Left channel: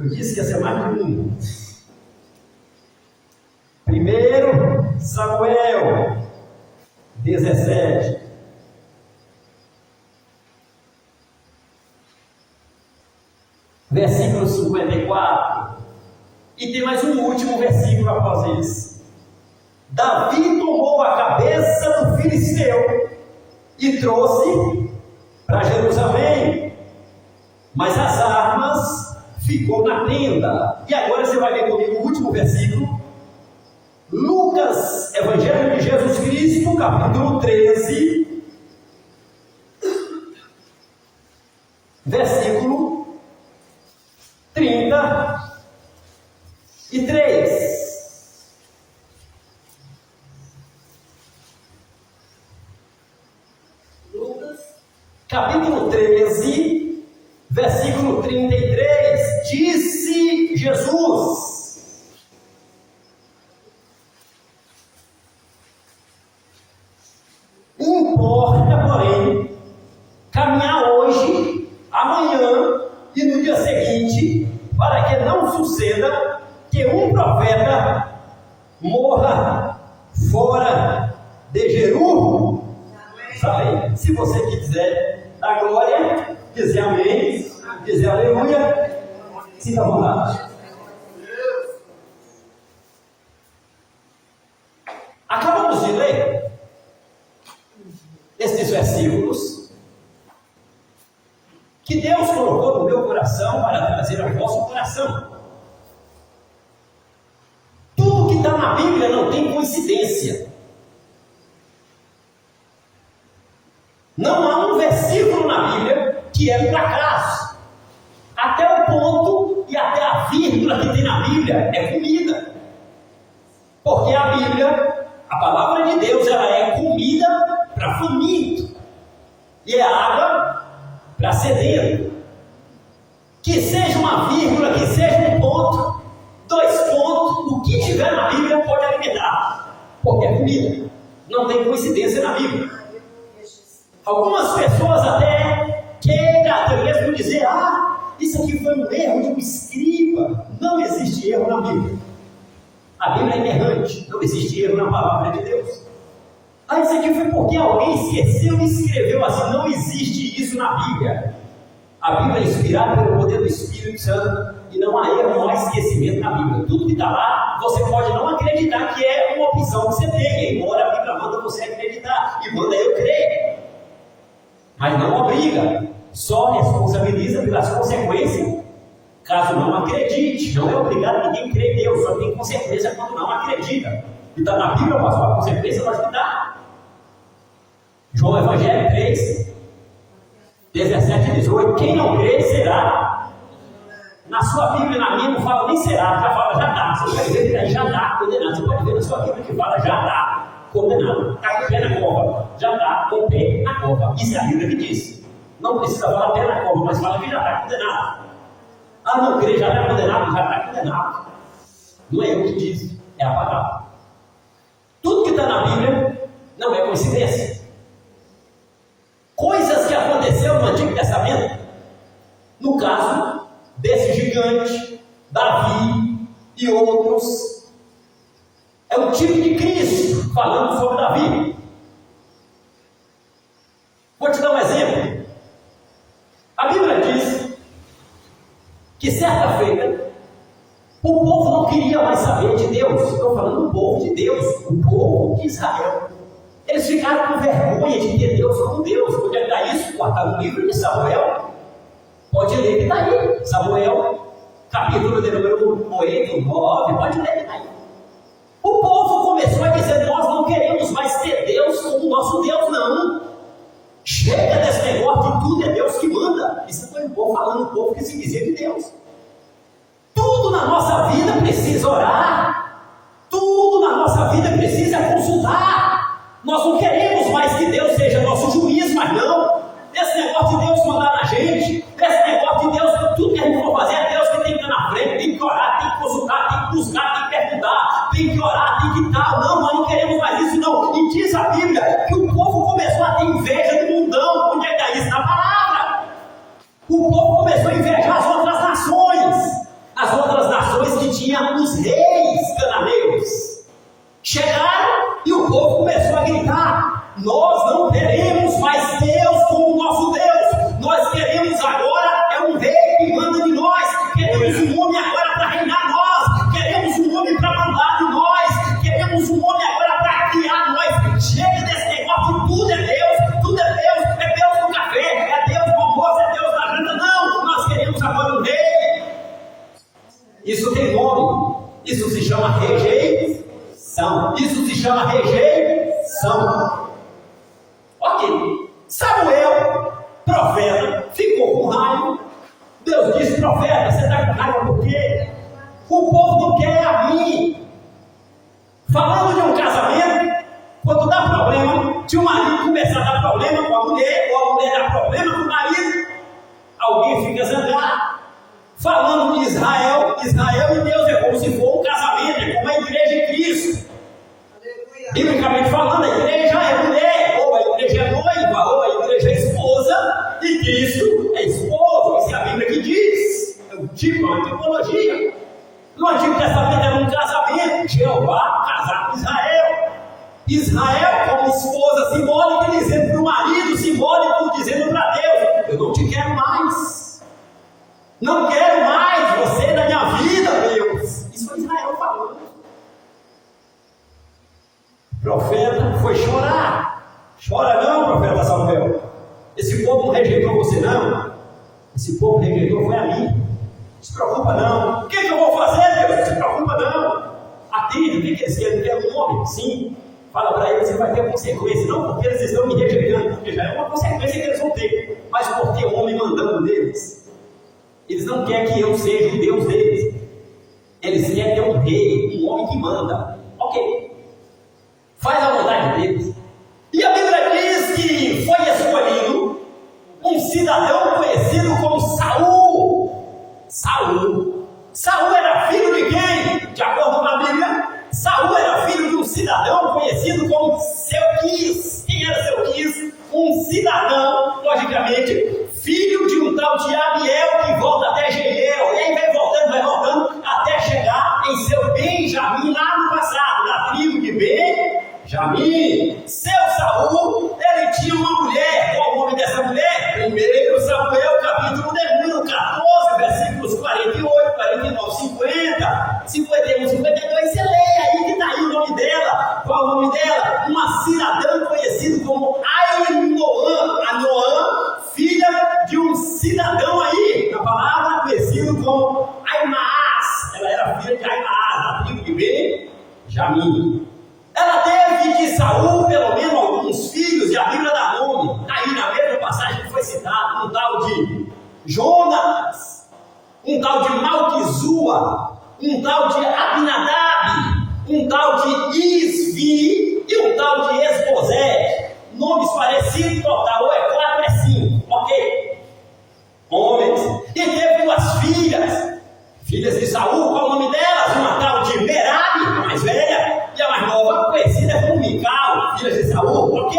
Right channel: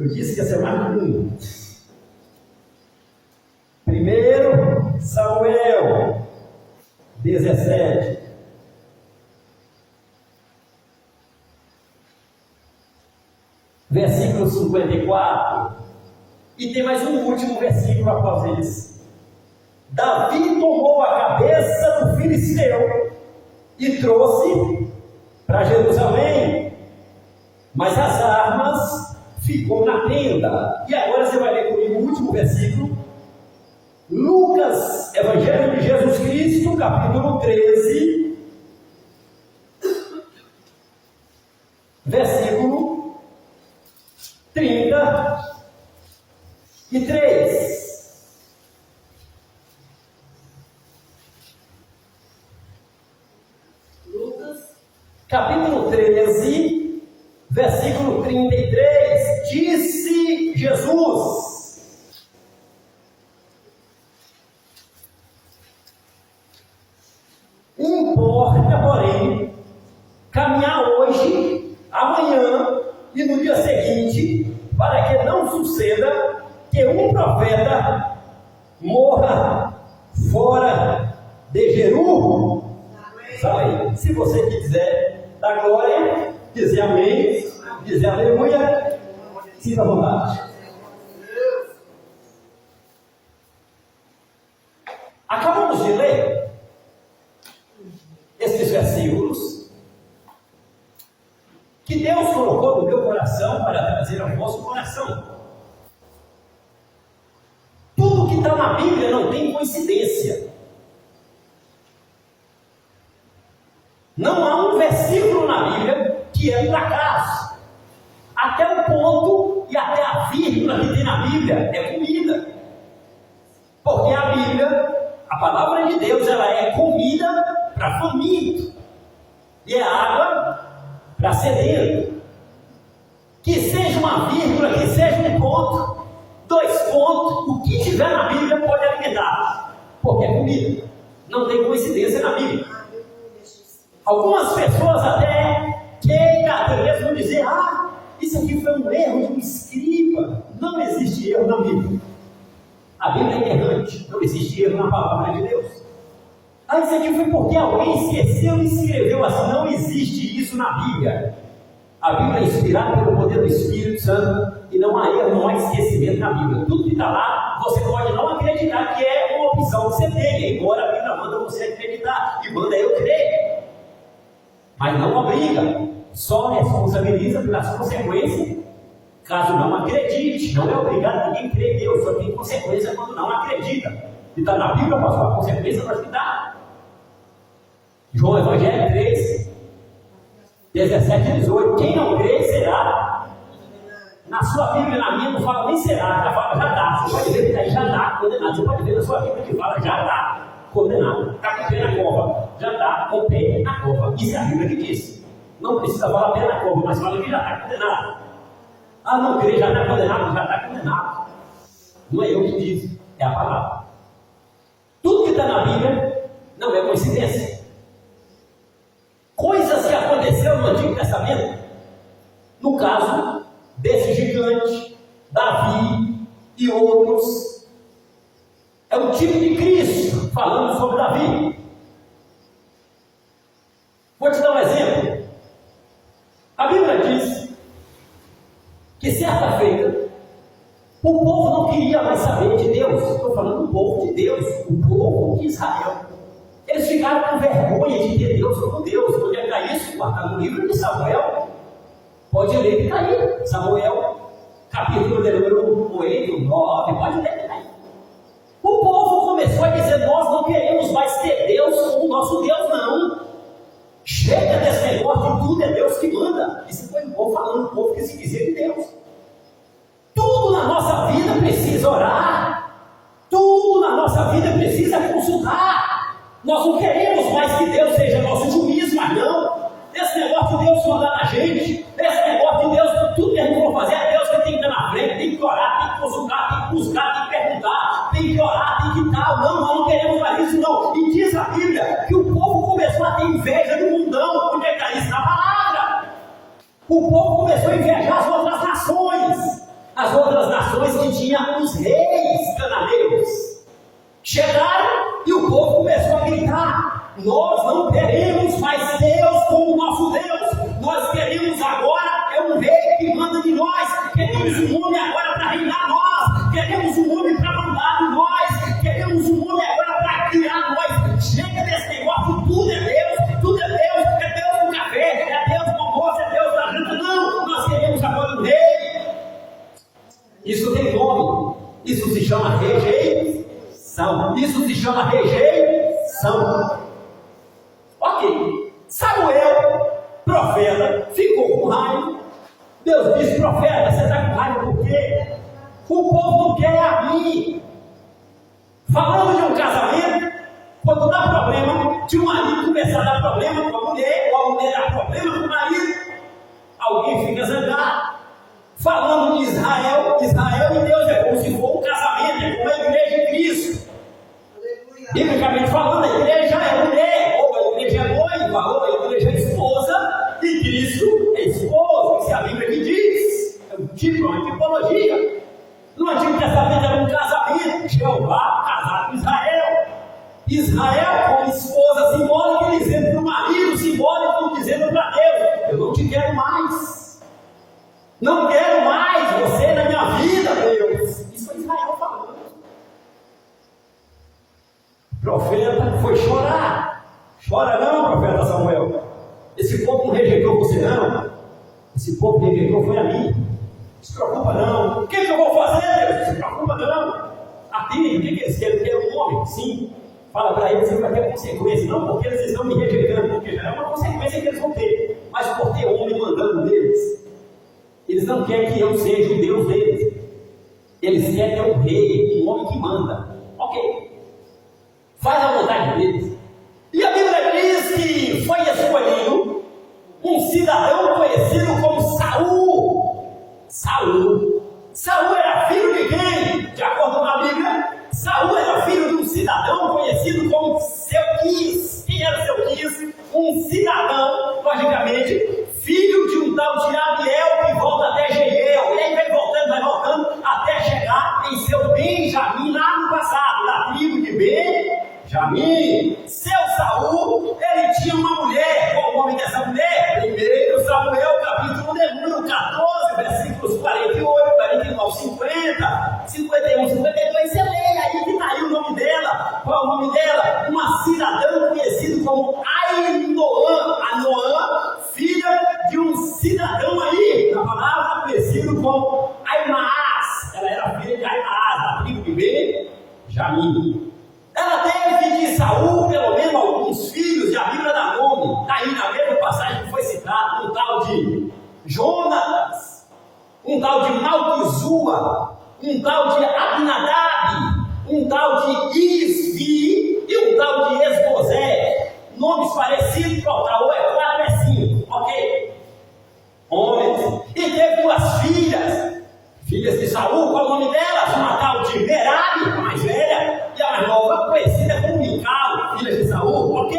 Eu disse que ia ser mais de um. 1 Samuel 17. Versículo 54. E tem mais um último versículo após esse. Davi tomou a cabeça do filisteu e trouxe para Jerusalém, mas as armas ficou na tenda. E agora você vai ler comigo o último versículo. Lucas, Evangelho de Jesus Cristo, capítulo 13, versículo 33. Lucas, Capítulo 13, versículo 33. Disse Jesus: importa, porém, caminhar hoje, amanhã e no dia seguinte, para que não suceda que um profeta morra fora de Jerusalém. Se você quiser dar glória, dizer amém, dizer aleluia, sinta à vontade. Acabamos de ler esses versículos que Deus colocou no meu coração para trazer ao vosso coração. Tudo que está na Bíblia não tem coincidência. Não há um versículo na Bíblia que é por acaso. Até o ponto e até a vírgula que tem na Bíblia é comida. Porque a Bíblia, a palavra de Deus, ela é comida para faminto e é água para sedento. Que seja uma vírgula, que seja um ponto, 2 pontos, o que tiver na Bíblia pode alimentar, porque é comida. Não tem coincidência na Bíblia. Algumas pessoas até querem mesmo dizer: isso aqui foi um erro de um escriba. Não existe erro na Bíblia. A Bíblia é inerrante, não existe erro na palavra de Deus. Isso aqui foi porque alguém esqueceu e escreveu assim. Não existe isso na Bíblia. A Bíblia é inspirada pelo poder do Espírito Santo e não há erro, não há esquecimento na Bíblia. Tudo que está lá, você pode não acreditar que é uma opção que você tem, embora a Bíblia manda você acreditar e manda eu crer. Mas não obriga, só responsabiliza pelas consequências caso não acredite. Não é obrigado ninguém a crer em Deus, só tem consequência quando não acredita. E está na Bíblia, mas a consequência nós que dá. João Evangelho 3, 17 e 18. Quem não crê será. Na sua Bíblia, na minha, não fala nem será, já fala já dá. Você pode ver que daí já dá condenado. Você pode ver na sua Bíblia que fala já dá condenado. Está com o pé na cova, já está com o pé na cova. Isso é a Bíblia que diz. Não precisa falar pé na cova, mas fala que já está condenado. Não crê, já está condenado, já está condenado. Não é eu que diz, é a palavra. Tudo que está na Bíblia não é coincidência. Coisas que aconteceram no Antigo Testamento, no caso desse gigante, Davi e outros, é o tipo de Cristo falando sobre Davi. Vou te dar um exemplo. A Bíblia diz que certa feita o povo não queria mais saber de Deus. Estou falando do povo de Deus, o povo de Israel. Eles ficaram com vergonha de ter Deus como Deus. Onde é que está isso? Está no livro de Samuel. Pode ler que está aí. Samuel, capítulo de número 8, 9. Pode ler que está aí. O povo começou a dizer: nós não queremos mais ter Deus como nosso Deus, não. Chega desse negócio de tudo é Deus que manda. Isso foi um povo falando, um povo que se dizia de Deus. Tudo na nossa vida precisa orar. Tudo na nossa vida precisa consultar. Nós não queremos mais que Deus seja nosso juiz, mas não. Esse negócio de Deus mandar na gente, esse negócio de Deus, tudo que a gente for fazer é Deus que tem que estar na frente, tem que orar, tem que consultar, tem que buscar, tem que perguntar, tem que orar, tem que tal. Não, nós não queremos mais isso, não. E diz a Bíblia que o povo começou a ter inveja do mundão. Onde é que está isso? Na palavra. O povo começou a invejar as outras nações. Isso tem nome. Isso se chama rejeição. Isso se chama rejeição. Ok. Samuel, profeta, ficou com raiva. Deus disse: profeta, você está com raiva por quê? O povo não quer a mim. Falando de um casamento, quando dá problema, se o marido começar a dar problema com a mulher, ou a mulher dá problema com o marido, alguém fica zangado. Falando de Israel e Deus é como se for um casamento, é como a igreja de Cristo. Biblicamente falando, a igreja é mulher, ou a igreja é noiva, ou a igreja é esposa, e Cristo é esposo. Isso é a Bíblia que diz. É um tipo, uma tipologia. No Antigo Testamento era um casamento, Jeová casar com Israel. Israel como esposa simbólica, dizendo para o marido, simbólico, dizendo para Deus: eu não te quero mais. Não quero mais você na minha vida, Deus. Isso foi Israel falando. O profeta foi chorar. Chora não, profeta Samuel. Esse povo não rejeitou você não. Esse povo rejeitou foi a mim. Não se preocupa não. O que eu vou fazer, Deus? Não se preocupa não. Atende, o que eles querem? Querem um homem? Sim. Fala para eles que vai ter consequência. Não porque eles estão me rejeitando, porque já é uma consequência que eles vão ter. Mas por ter homem mandando neles. Eles não querem que eu seja o Deus deles. Eles querem ter um rei, um homem que manda. Ok. Faz a vontade deles. E a Bíblia diz que foi escolhido um cidadão conhecido como Saul. Saul era filho de quem? De acordo com a Bíblia, Saul era filho de um cidadão conhecido como Selquis. Quem era Selquis? Um cidadão, logicamente, filho de um tal de Abiel que volta até Jeiel. E aí vai voltando, até chegar em seu Benjamim, lá no passado, na tribo de Benjamim. Seu Saul, ele tinha uma mulher. Qual o nome dessa mulher? 1 Samuel, capítulo de número 14, versículos 48, 49, 50, 51, 52. Você lê aí que está aí o nome dela. Qual é o nome dela? Uma cidadã conhecida como Ainoã, filha de um cidadão aí, na palavra, conhecido como Aimaas. Ela era filha de Aimaas, da tribo de Benjamim. Ela teve de Saul, pelo menos, alguns filhos, e a Bíblia dá nome. Está aí na mesma passagem que foi citado, um tal de Jonatas, um tal de Malquizua, um tal de Abinadab, um tal de Isvi e um tal de Esbozete. Nomes parecidos, total, ou é 4 ou é 5, ok? Homens. E teve 2 filhas de Saul. Qual o nome delas? Uma tal de Merabe, a mais velha, e a mais nova, conhecida como Mical, filhas de Saul, ok?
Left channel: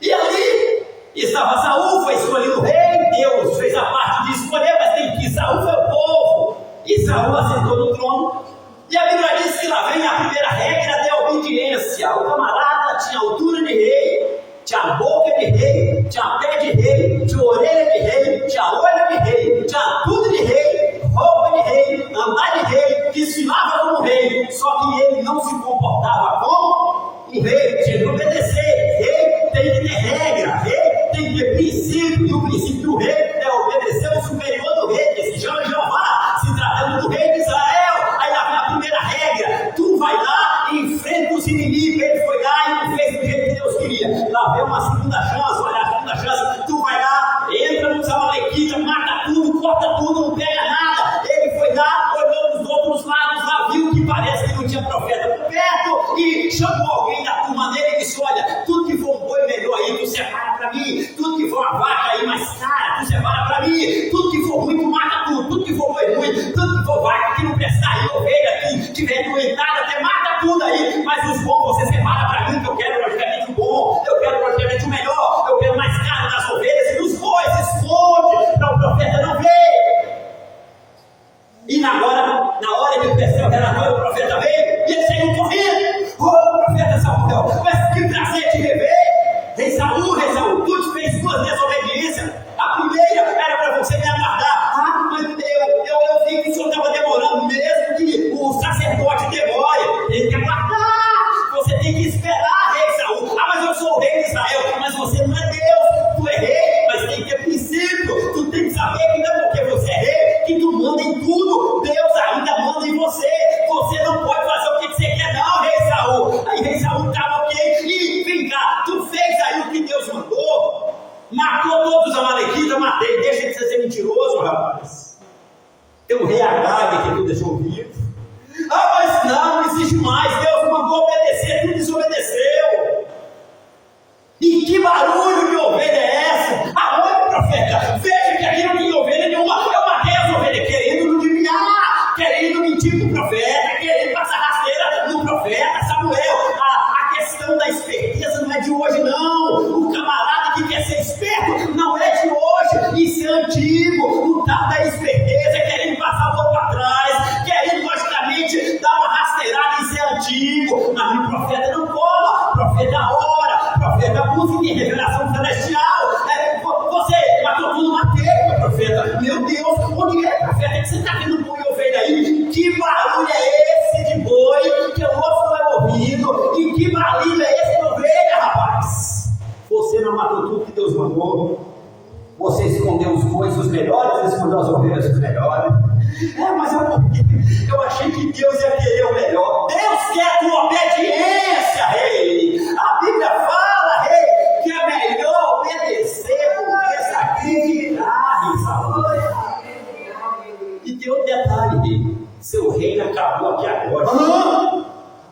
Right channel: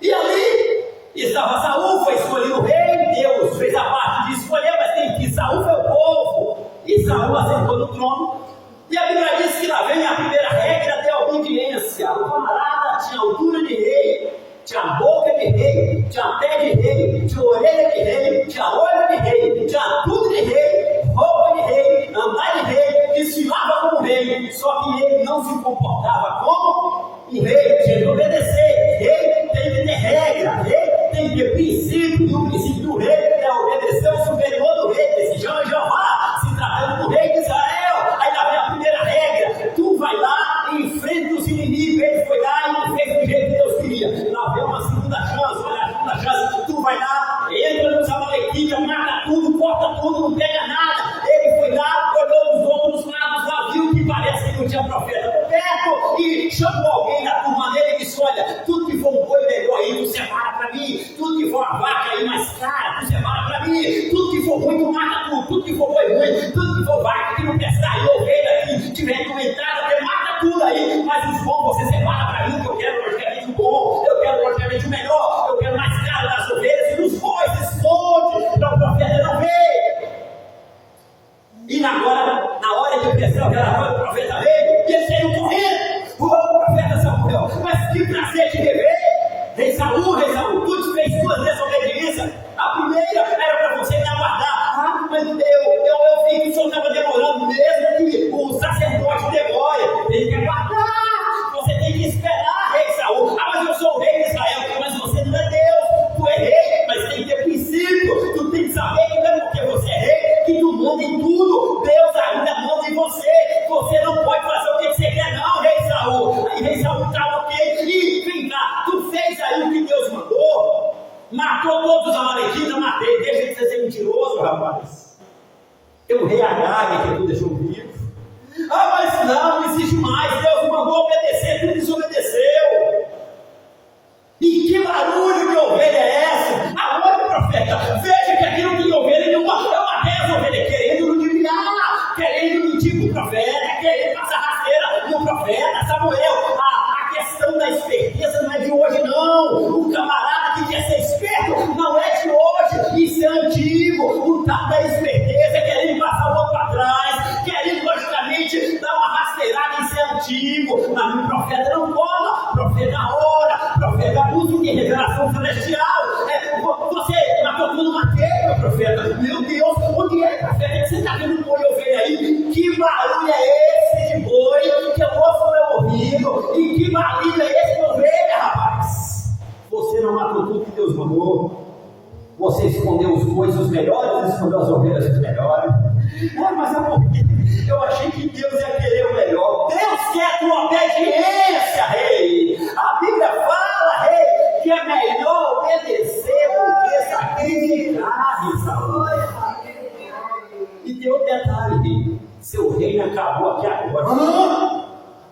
E ali estava Saul, foi escolhido rei. Deus fez a parte de escolher, mas tem que Saul foi o povo, e Saul assentou no trono. E a Bíblia diz que lá vem a primeira regra da obediência. O camarada tinha altura de rei, tinha boca de rei, tinha pé de rei, tinha orelha de rei, tinha olho de rei, tinha tudo de rei, roupa de rei, andar de rei, desfilava como rei. Só que ele não se comportava como um rei, tinha que obedecer. Rei tem que ter regra, rei tem que ter princípio, e o princípio do rei é obedecer o superior do rei, que se chama Jeová, se tratando do rei de Israel. Aí lá vem a primeira regra: tu vai lá e enfrenta os inimigos. Ele foi lá e não fez do jeito que Deus queria. Lá vem uma segunda chance. Olha a segunda chance: tu vai lá, entra nos amalequitas, mata tudo, corta tudo, não pega nada. Ele foi lá, olhou dos outros lados, lá viu que parece que não tinha profeta por perto, e chamou alguém da turma dele e disse: olha, tudo que for um boi melhor aí, tu separa para mim. Tudo que for uma vaca aí mais cara, tu separa para mim. Tudo que for ruim, tu mata tudo. Tudo que for boi ruim, tudo que for vaca que não prestar aí, ovelha que tiver doentada, até mata tudo aí. Mas os bons você separa para mim, que eu quero logicamente o bom, eu quero logicamente o melhor, eu quero mais caro das ovelhas e dos bois. Esconde para o profeta não ver. E agora, na hora de prestar o relatório, o profeta veio e ele saiu correndo. Profeta Samuel, mas que prazer te rever. Rei Saul, tu te fez 2 desobediências. A primeira era para você me aguardar. Mas eu vi que o senhor estava demorando, mesmo que o sacerdote demore. Tem que aguardar. Você tem que esperar, rei Saul. Mas eu sou o rei de Israel. Mas você não é Deus. Tu é rei, mas tem que ter princípio. Tu tem que saber que não é porque você é rei que tu manda em tudo. Deus Tem um rei Agag que tu deixou vivo. Ah, mas não existe mais. Deus mandou obedecer, tu desobedeceu. E que barulho de ovelha é essa? Aonde, profeta? Veja que aqui não tem ovelha nenhuma. Eu matei as ovelhas querendo ludibriar, querendo mentir para o profeta, querendo passar rasteira no profeta Samuel. A questão da esperteza não é de hoje, não. O camarada que quer ser esperto não é de hoje. Isso é antigo. O tal da esperteza é querendo passar o outro para trás, querendo logicamente dar uma rasteirada. Isso é antigo. Mas o profeta não cola. O profeta ora. O profeta busca de revelação celestial. Você matou tudo, matei, meu profeta. Meu Deus, onde é, profeta? É que você está vendo boi e ovelha aí? Que barulho é esse de boi que o outro não é ouvido? E que barulho é esse de ovelha, rapaz? Você não matou tudo que Deus mandou. Você escondeu os bois os melhores, escondeu as ovelhas os melhores. Mas eu achei que Deus ia querer o melhor. Deus quer a tua obediência, rei. A Bíblia fala, rei, que é melhor obedecer do que sacrificar, Isaú. E tem outro detalhe, rei. Seu reino acabou aqui agora.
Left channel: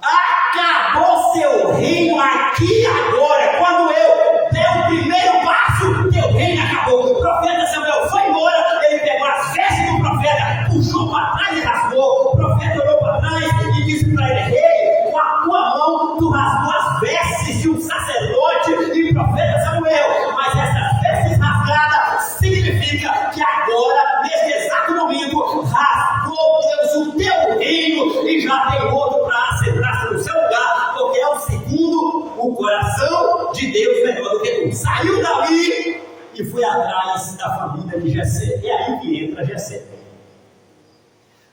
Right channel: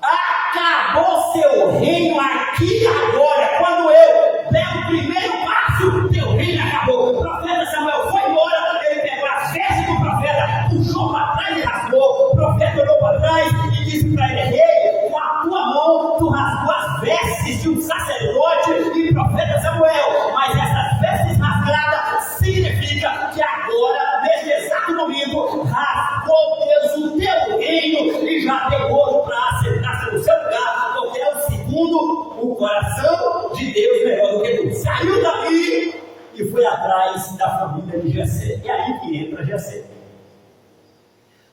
Acabou seu reino aqui agora. Quando eu der o primeiro passo, teu reino acabou. O profeta Samuel foi embora, ele pegou as vestes do profeta, puxou para trás e rasgou. O profeta olhou para trás e disse para ele: rei, com a tua mão tu rasgou as vestes de um sacerdote e profeta Samuel. Mas essas vestes rasgadas significa que agora, neste exato momento, rasgou Deus o teu reino e já tem outro para assentar no seu lugar, porque é o segundo o coração de Deus melhor do que tu. Saiu dali e foi atrás da família de Jessé. É aí que entra Jessé.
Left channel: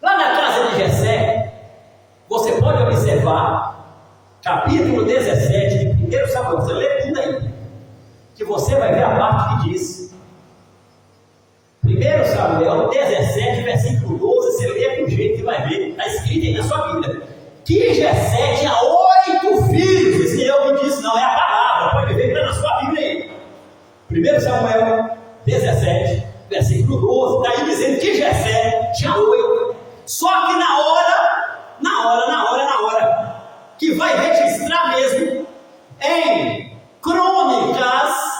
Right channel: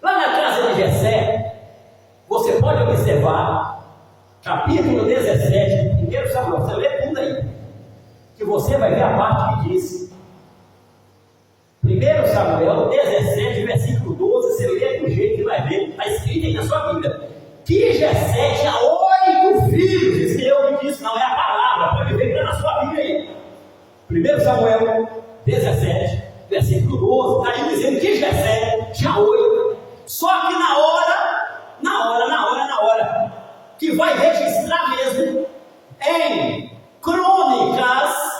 Lá na casa de Jessé, você pode observar, capítulo 17 de 1 Samuel, você lê tudo aí, que você vai ver a parte que diz. 1 Samuel 17, versículo 12, você lê com jeito e vai ver, está escrito aí na sua Bíblia, que Jessé tinha 8 filhos. Isso que eu me disse, não é a palavra, pode ver que está na sua Bíblia aí. 1 Samuel 17, versículo 12, está aí dizendo que Jessé tinha 8. Só que na hora, que vai registrar mesmo em Crônicas,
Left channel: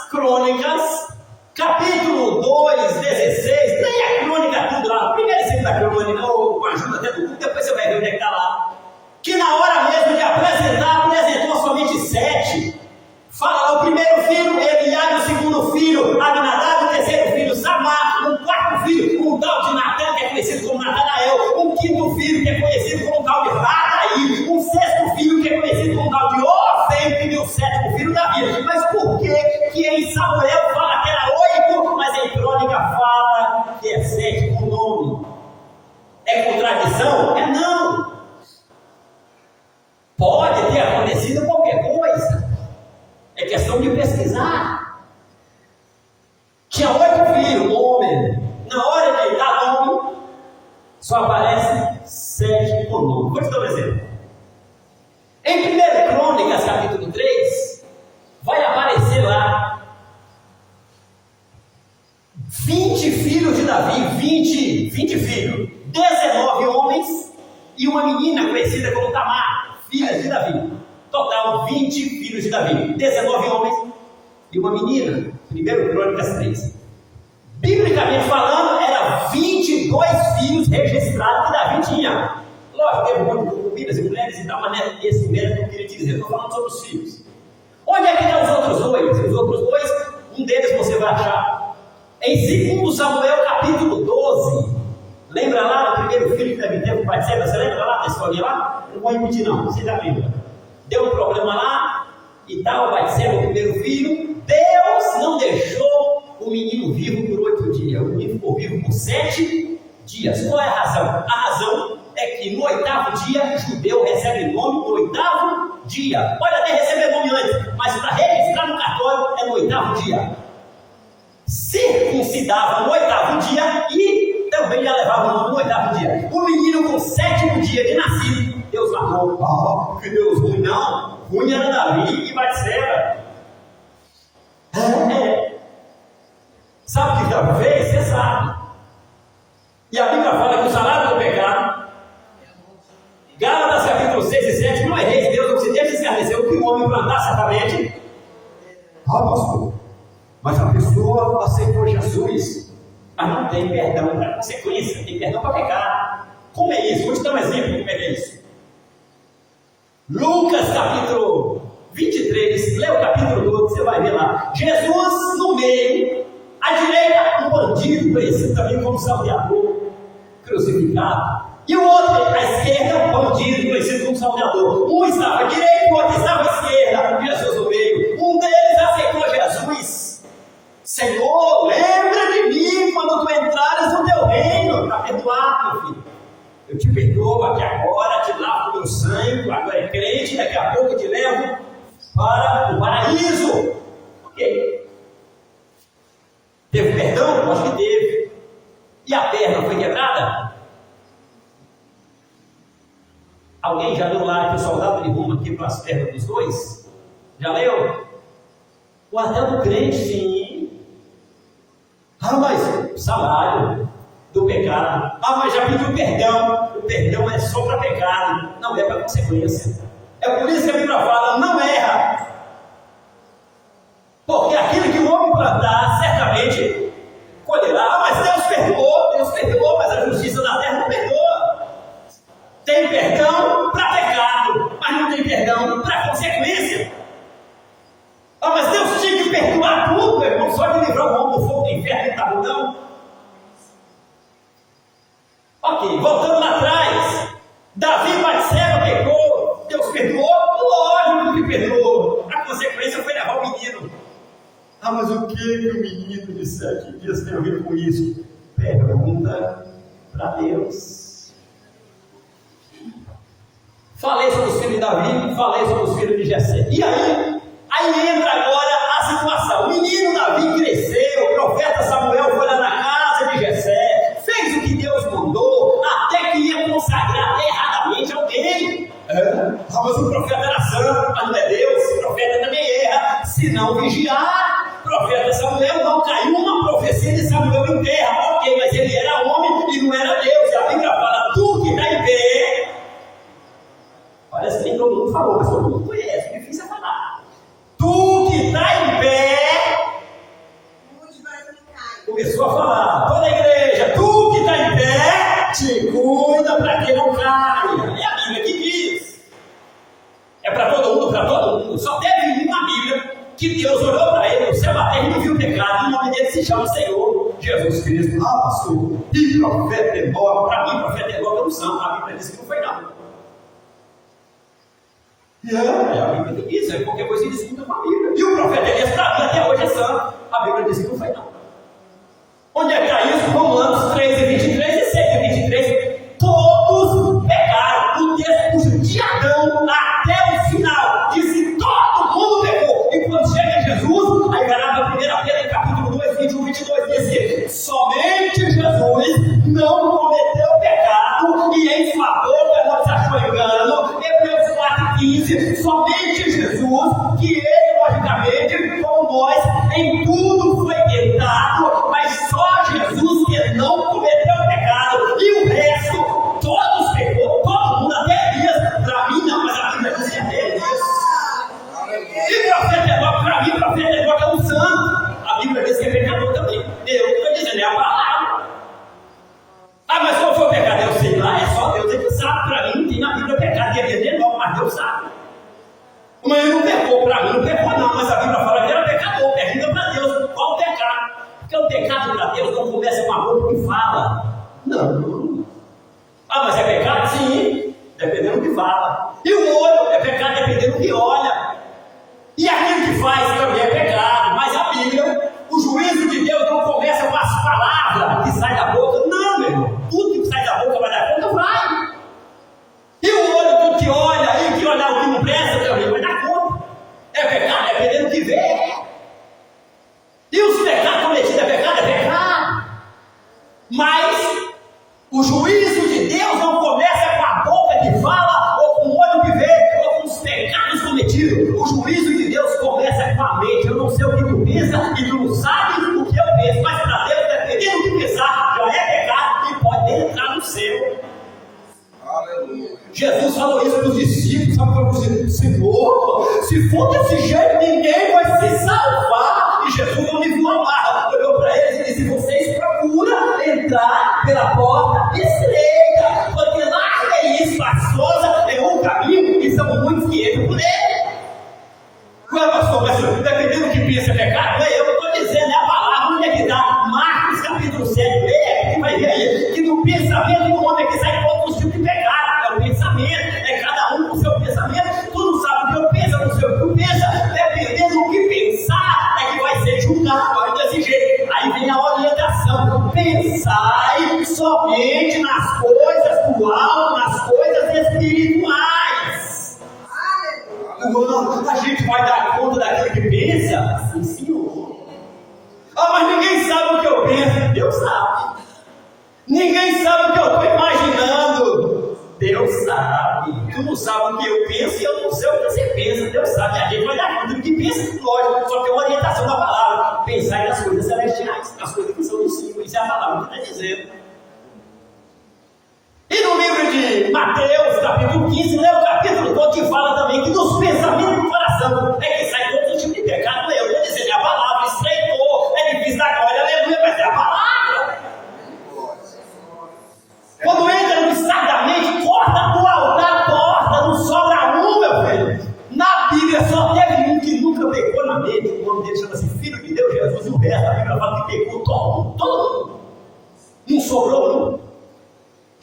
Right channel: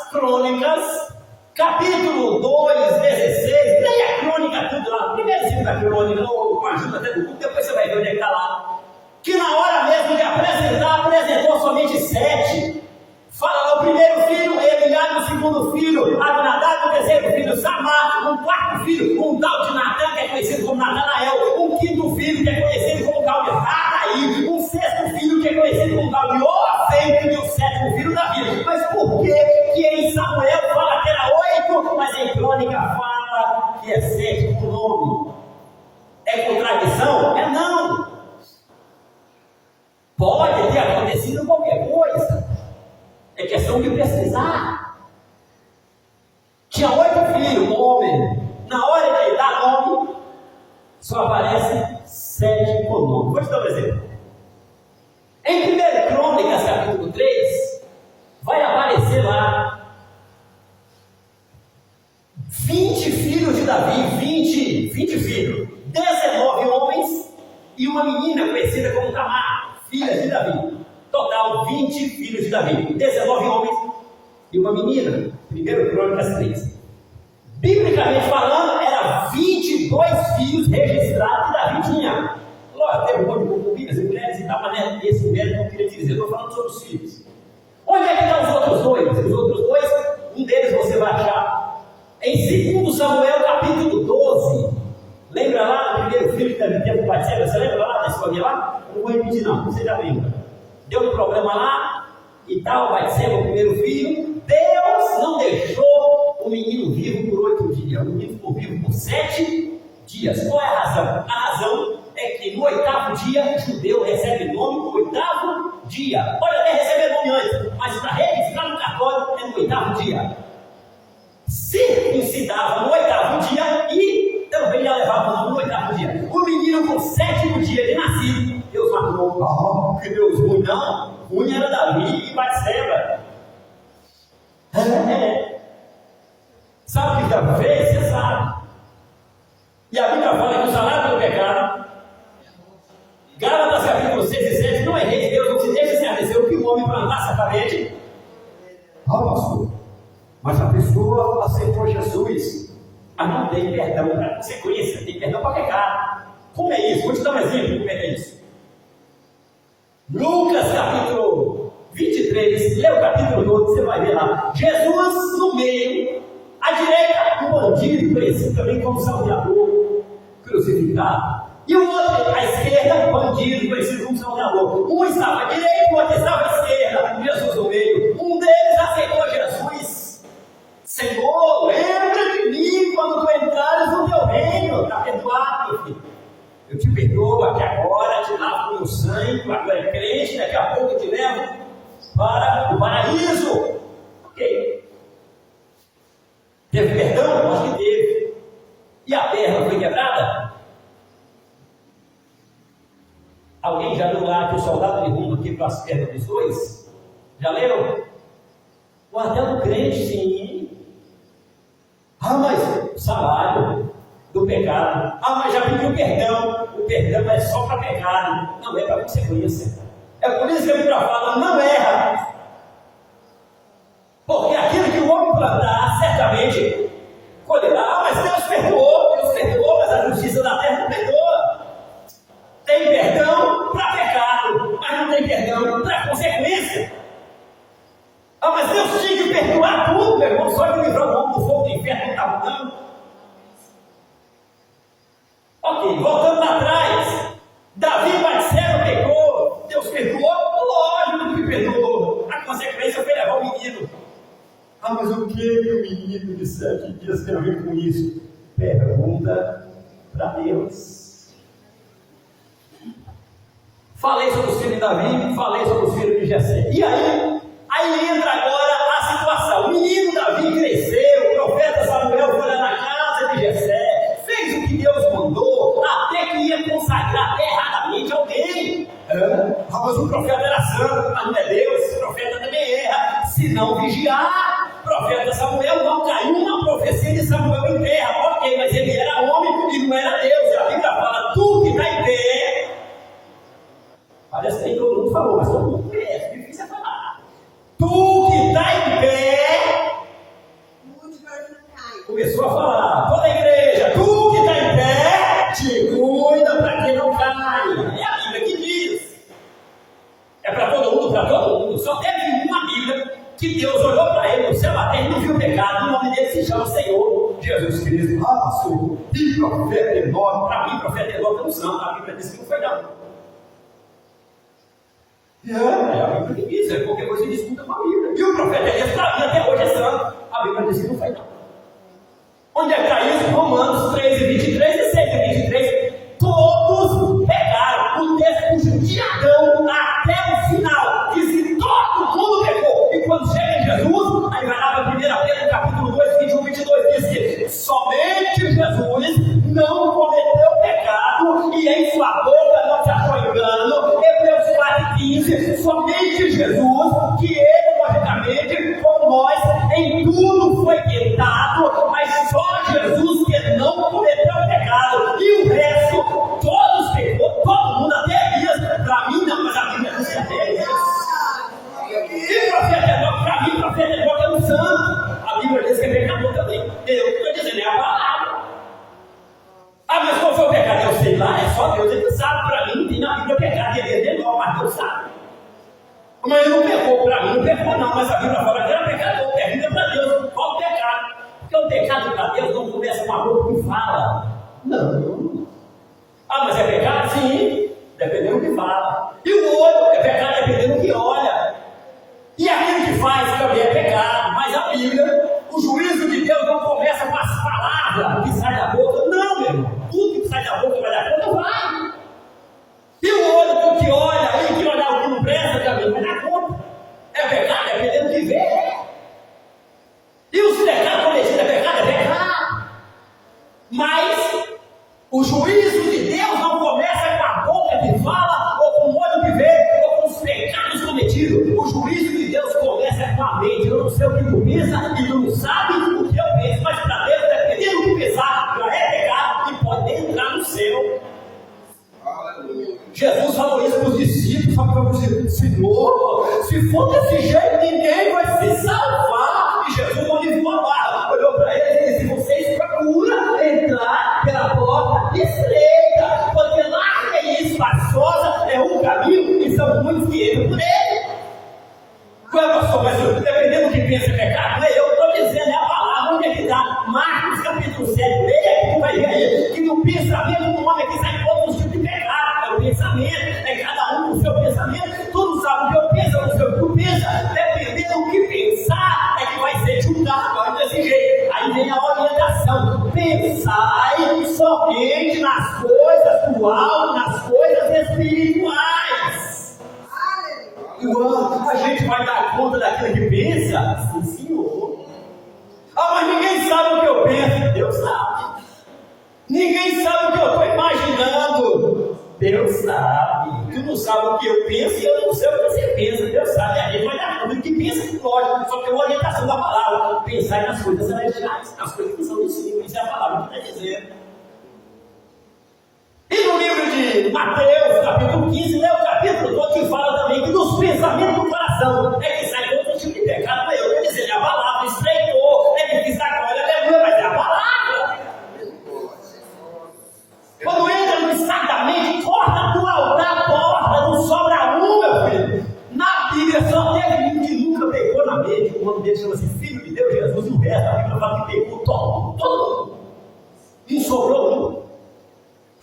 capítulo 2, 16, leia a crônica tudo lá, primeiro e segunda crônica, ou com a ajuda até do Google, depois você vai ver onde é que está lá. Que na hora mesmo de apresentar, apresentou somente 7. Fala lá o primeiro filho, Eliabe, o segundo filho, Abinadab, o terceiro filho, Samar, um quarto filho, um tal de Natã, que é conhecido como Natanael, um quinto filho, que é conhecido como tal de Radaí, um sexto filho, que é conhecido como tal de Ofem, e o sétimo filho, Davi. Mas por que em Samuel fala que era 8, mas em Crônica fala que é 7 por nome? É contradição? É não. Pode ter acontecido qualquer coisa. É questão de pesquisar. Tinha 8 filhos, homem. Na hora de dar nome, só aparece 7 por nome. Vou te dar um exemplo. Em 1 Crônicas, capítulo 3, vai aparecer lá 20 filhos de Davi, 20 filhos, 19 homens e uma menina conhecida como Tamar, filha de Davi. Total 20 filhos de Davi, 19 homens e uma menina. 1 Crônicas 3. Biblicamente falando, eram 22 filhos registrados que Davi tinha. Lógico, teve um monte de concubinas e mulheres e tal, mas não é esse mérito que eu queria te dizer. Eu estou falando sobre os filhos. Onde é que estão os outros dois? Os outros dois, um deles você vai achar em 2 Samuel capítulo 12. Lembra lá do primeiro filho que Davi teve com Batseba? Você lembra lá da história lá? Eu não vou repetir não, você já lembra. Deu um problema lá e tal, Batseba, o primeiro filho. Deus não deixou o menino vivo por 8 dias. O menino ficou vivo por 7 dias. Qual é a razão? A razão é que no 8º dia, judeu recebe nome no 8º dia. Pode até receber nome antes, mas para registrar no cartório é no 8º dia. Circuncidava no 8º dia e também já levava o nome no 8º dia. O menino com o 7º dia de nascido, Deus matou. Que Deus ruim, não. Ruim era Davi e Batseba. Sabe o que Davi fez? Você sabe. E a Bíblia fala fala que o salário do pecado, Gálatas capítulo 6 e 7, não é rei de Deus, não se deixa escarnecer o que o homem plantar certamente. Pastor, mas a pessoa aceitou Jesus, mas não tem perdão para consequência, tem perdão para pecar. Como é isso? Vou te dar um exemplo como é que é isso. Lucas capítulo 23, lê o capítulo 12, você vai ver lá. Jesus no meio, à direita, um bandido conhecido também como Salvador, crucificado. E o outro, à esquerda, um bandido conhecido como Salvador. Um estava à direita, o outro estava à esquerda, Jesus no meio. Um deles aceitou Jesus. Senhor, lembra de mim quando tu entrares no teu reino. Está perdoado, meu filho. Eu te perdoo aqui agora, te lavo com meu sangue, agora é crente, daqui a pouco eu te levo para o paraíso. Ok. Teve perdão? Acho que teve. E a perna foi quebrada? Alguém já leu lá que o soldado de Roma quebrou as pernas dos dois? Já leu? O até do crente, sim. Mas salário do pecado. Mas já pediu perdão. O perdão é só para pecado, não é para consequência. É por isso que a Bíblia fala, não erra. Porque aquilo que o homem plantar, certamente colherá. Mas Deus perdoou, mas a justiça da terra não perdoa. Tem perdão para pecado, mas não tem perdão para consequência. Mas Deus tinha que perdoar tudo, meu irmão, só de livrar o homem do fogo do inferno, não está bom, não? Ok, voltando lá atrás, Davi Batseba pecou, Deus perdoou? Lógico que perdoou. A consequência foi levar o menino. Mas o que o menino de 7 dias tem a ver com isso? Pergunta para Deus. Falei sobre os filhos de Davi, falei sobre os filhos de Jessé. E aí entra agora a situação. O menino Davi cresceu, o profeta Samuel foi lá na casa de Jessé, fez o que Deus mandou, até que ia consagrar erradamente alguém. Mas o profeta era santo, mas não é Deus. O profeta também erra, se não vigiar. O profeta Samuel não caiu uma profecia de Samuel em terra. Ok, mas ele era homem e não era Deus. E a Bíblia fala, tu que está em pé. Parece que nem todo mundo falou, mas todo mundo conhece, difícil é falar. Tu que está em pé. Começou a falar, toda a igreja, tu que está em pé, te cuida para que não caia. É a Bíblia que diz. É para todo mundo, para todo mundo. Só teve uma Bíblia que Deus olhou para ele no céu da terra e não viu o pecado. O nome dele se chama Senhor Jesus Cristo. Pastor, e profeta Enoque. Para mim, profeta Enoque é um santo. A Bíblia diz que não foi não. É a Bíblia que diz, qualquer coisa ele discuta com a Bíblia. E o profeta Elias, para mim, até hoje é santo. A Bíblia diz que não foi não. Onde é que está isso? Romanos 3 e 23 e 6 e 23. Todos pecaram. O texto puxa de Adão até o final. Diz que todo mundo pecou. E quando chega Jesus, aí vai lá para 1 Pedro capítulo 2, 21 e 22, diz que somente Jesus não cometeu pecado e em sua boca não se achou engano. Hebreus 4 e 15, somente Jesus, que ele, logicamente, como nós, em tudo foi tentado, mas só Jesus que não cometeu pecado, e o resto, todos pecou, todo mundo, até Elias. Para mim não, mas a Bíblia diz que até Elias. E profeta Enoque, para mim, profeta Enoque é um santo. A Bíblia diz que é pecador também. Eu estou dizendo, é a palavra. Mas qual foi o pecado? Eu sei lá, é só Deus que sabe. Para mim não tem na Bíblia pecado de Elias, mas Deus sabe. Mas ele não pecou, para mim não pecou não, mas a Bíblia fala que era pecador. Pergunta para Deus, qual o pecado? Porque o pecado para Deus não começa com a boca que fala. Não. Mas é pecado? Sim, dependendo do que fala. E o olho é pecado dependendo do que olha. E aquilo que faz também é pecado. Mas a Bíblia, o juízo de Deus não começa com as palavras que saem da boca. Não, meu irmão. Tudo que sai da boca vai dar conta, vai. E o olho, tudo que olha, e que olhar o que não presta também vai dar conta. É pecado dependendo do que vê. E os pecados cometidos é pecado. Mas o juízo de Deus não começa com a boca que fala, ou com o olho que vê, ou com os pecados cometidos. O juízo de Deus começa com a mente. Eu não sei o que tu pensa, e tu não sabe o que eu penso, mas para Deus, dependendo do que pensar, já é pecado e pode entrar no céu. Aleluia. Jesus falou isso para os discípulos, sabe para os discípulos? Senhor, se for desse jeito, ninguém vai se salvar. E Jesus não livrou a barra, olhou para eles e disse: vocês procuram entrar pela porta estreita, porque larga e espaçosa é um caminho e são muitos que entram por ele. Ué, pastor, mas dependendo do que pensa é pecado, não é eu que estou dizendo, é a palavra. Onde é que está? Marcos capítulo 7, leia que vai ver aí, que no pensamento do homem é que sai todo tipo de pecado. É o pensamento, é cada um com o seu pensamento. Tu não sabe o que eu penso, eu não sei o que tu pensa. Dependendo do que pensar, é que vai ser julgado. Aí desse jeito, aí vem a orientação: pensai somente nas coisas do alto, nas coisas espirituais. Uau, a gente vai dar conta daquilo que pensa? Sim, Senhor. Ah, mas ninguém sabe o que eu penso. Deus sabe. Ninguém sabe o que eu estou imaginando. Deus sabe. Tu não sabe o que eu penso e eu não sei o que você pensa. Deus sabe. A gente vai dar conta do que pensa, lógico, só que é uma orientação da palavra. Pensar nas coisas celestiais, nas coisas que são do céu. Isso é a palavra que está dizendo. E no livro de Mateus, capítulo 15, lê o capítulo todo, que fala também que dos pensamentos do coração é que sai todo tipo de pecado. Eu estou dizendo, a palavra estreitou, é difícil agora, aleluia, mas é a palavra. Quando entra no estado da mente, corta do altar a porta, não sobra um, meu filho. Na Bíblia só teve um que nunca pecou na mente. O nome dele chama-se Filho de Deus, Jesus, e o resto da Bíblia fala que pecou todo mundo. Não sobrou um.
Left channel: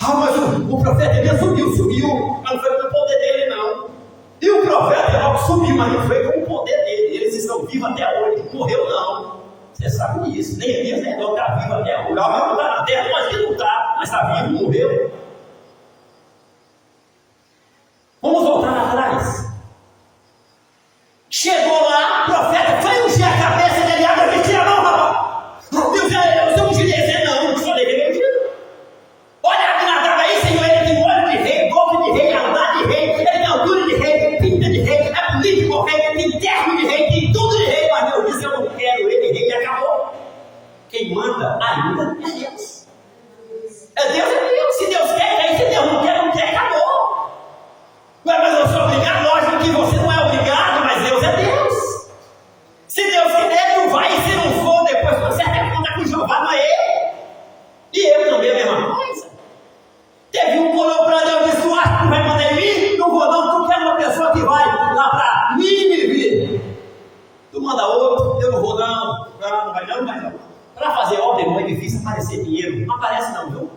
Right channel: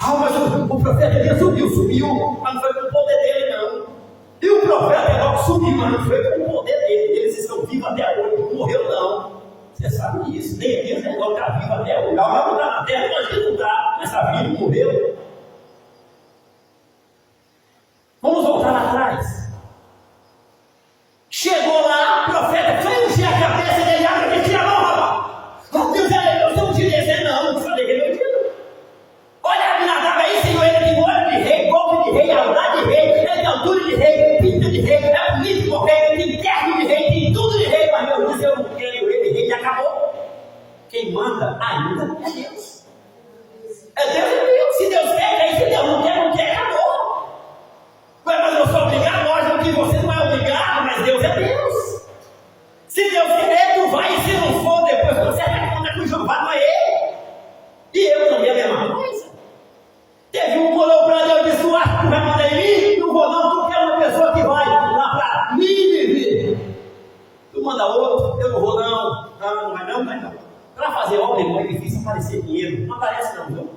Ah, mas o profeta Elias subiu, mas não foi com o poder dele, não. E o profeta Enoque subiu, mas não foi com o poder dele. Eles estão vivos até hoje, não morreu, não. Você sabe disso. Nem Elias nem Enoque está vivo até hoje. O Gabriel não está na terra, mas ele não está, mas está vivo, morreu. Vamos voltar lá atrás. Chegou lá, o profeta foi ungir a cabeça dele, abre e tira a mão, rapaz. Deus, eu sou ungir esse, não te falei que ele é ungido. Olha Abinadab aí, Senhor, ele tem olho de rei, boca de rei, andar de rei, ele tem altura de rei, pinta de rei, é bonito como rei, tem terno de rei, tem tudo de rei, mas Deus diz: eu não quero ele, rei, e acabou. Quem manda ainda é Deus. É Deus, é Deus. Se Deus quer, aí se Deus não quer, acabou. Ué, mas eu sou obrigado? Lógico que você não é obrigado, mas Deus é Deus. Se Deus querer, tu vai, e se não for, depois conserta a conta com Jeová, não é eu. E eu também a mesma coisa. Teve um que olhou para Deus e disse: tu acha que tu vai mandar em mim? Não vou não, tu quer uma pessoa que vai lá para Nínive. Tu manda outro, eu não vou não. Não vai não. Para fazer obra, irmão, é difícil aparecer dinheiro. Não aparece não, viu?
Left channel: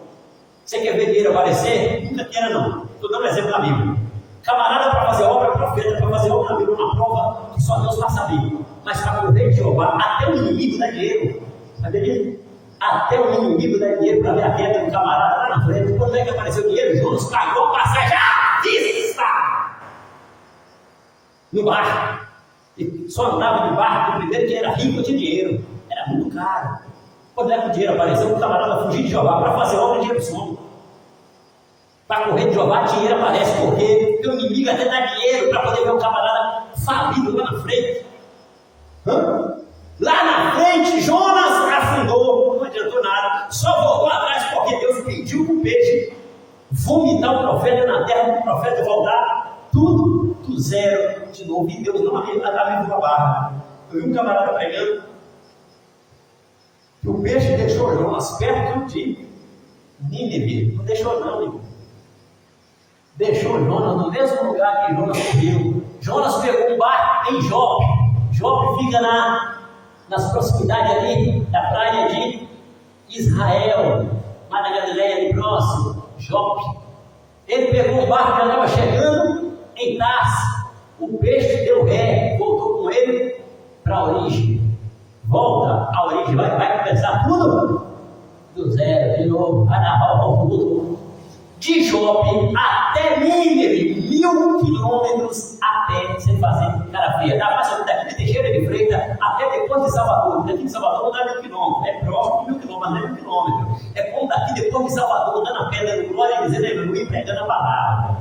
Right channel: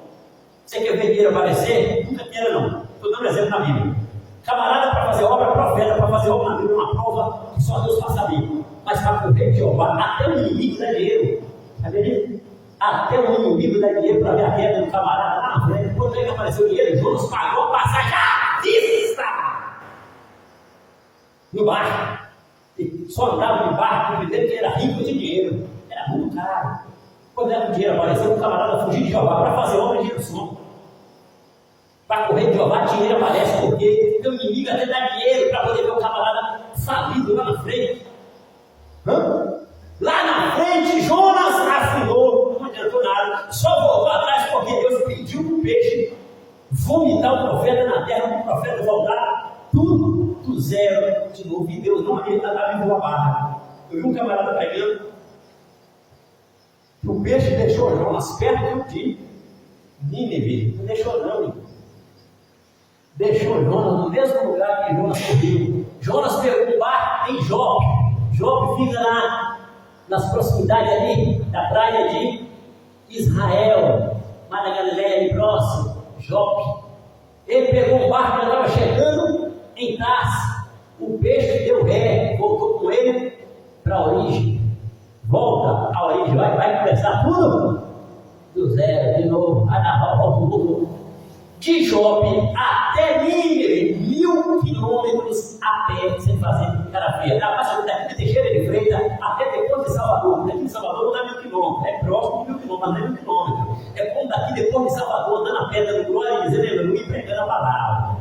Você quer ver dinheiro aparecer? Nunca queira não. Estou dando um exemplo na Bíblia. Camarada para fazer obra, profeta para fazer obra na Bíblia, uma prova que só Deus passa a Bíblia. Mas para o rei de Jeová, até o inimigo dá dinheiro. Sabia disso? Até o inimigo dá dinheiro para ver a queda do camarada lá na frente. Quando é que apareceu o dinheiro? Jonas pagou a passagem à vista no barco. E só andava de barco primeiro que era rico de dinheiro. Era muito caro. Quando é que o dinheiro apareceu? O camarada fugiu de Jeová para fazer obra, dinheiro some. Para correr de Jeová, dinheiro aparece porque o inimigo até dá dinheiro para poder ver o camarada falido lá na frente. Lá na frente, Jonas afundou, não adiantou nada, só voltou atrás porque Deus pediu para o peixe vomitar o profeta na terra, para o profeta voltar tudo do zero de novo. E Deus não abriu a barra. Eu vi um camarada pregando que o peixe deixou Jonas perto de Nínive. Não deixou não, irmão. Deixou Jonas no mesmo lugar que Jonas morreu. Jonas pegou um barco em Jope. Jope fica nas proximidades ali da praia de Israel, lá na Galileia, ali próximo, Jope. Ele pegou um barco que estava chegando em Tarso. O peixe deu ré, voltou com ele para a origem. Volta à origem, vai começar tudo do zero, de novo, vai dar volta. De Jope até Nínive, 1000 quilômetros a pé, sem fazer cara fria. Dá mais ou menos daqui de Teixeira de Freitas até depois de Salvador. Daqui de Salvador não dá 1000 quilômetros, é próximo de 1000 quilômetros, mas não é 1000 quilômetros. É como daqui depois de Salvador, dando a pedra do glória e dizendo aleluia e pregando a palavra.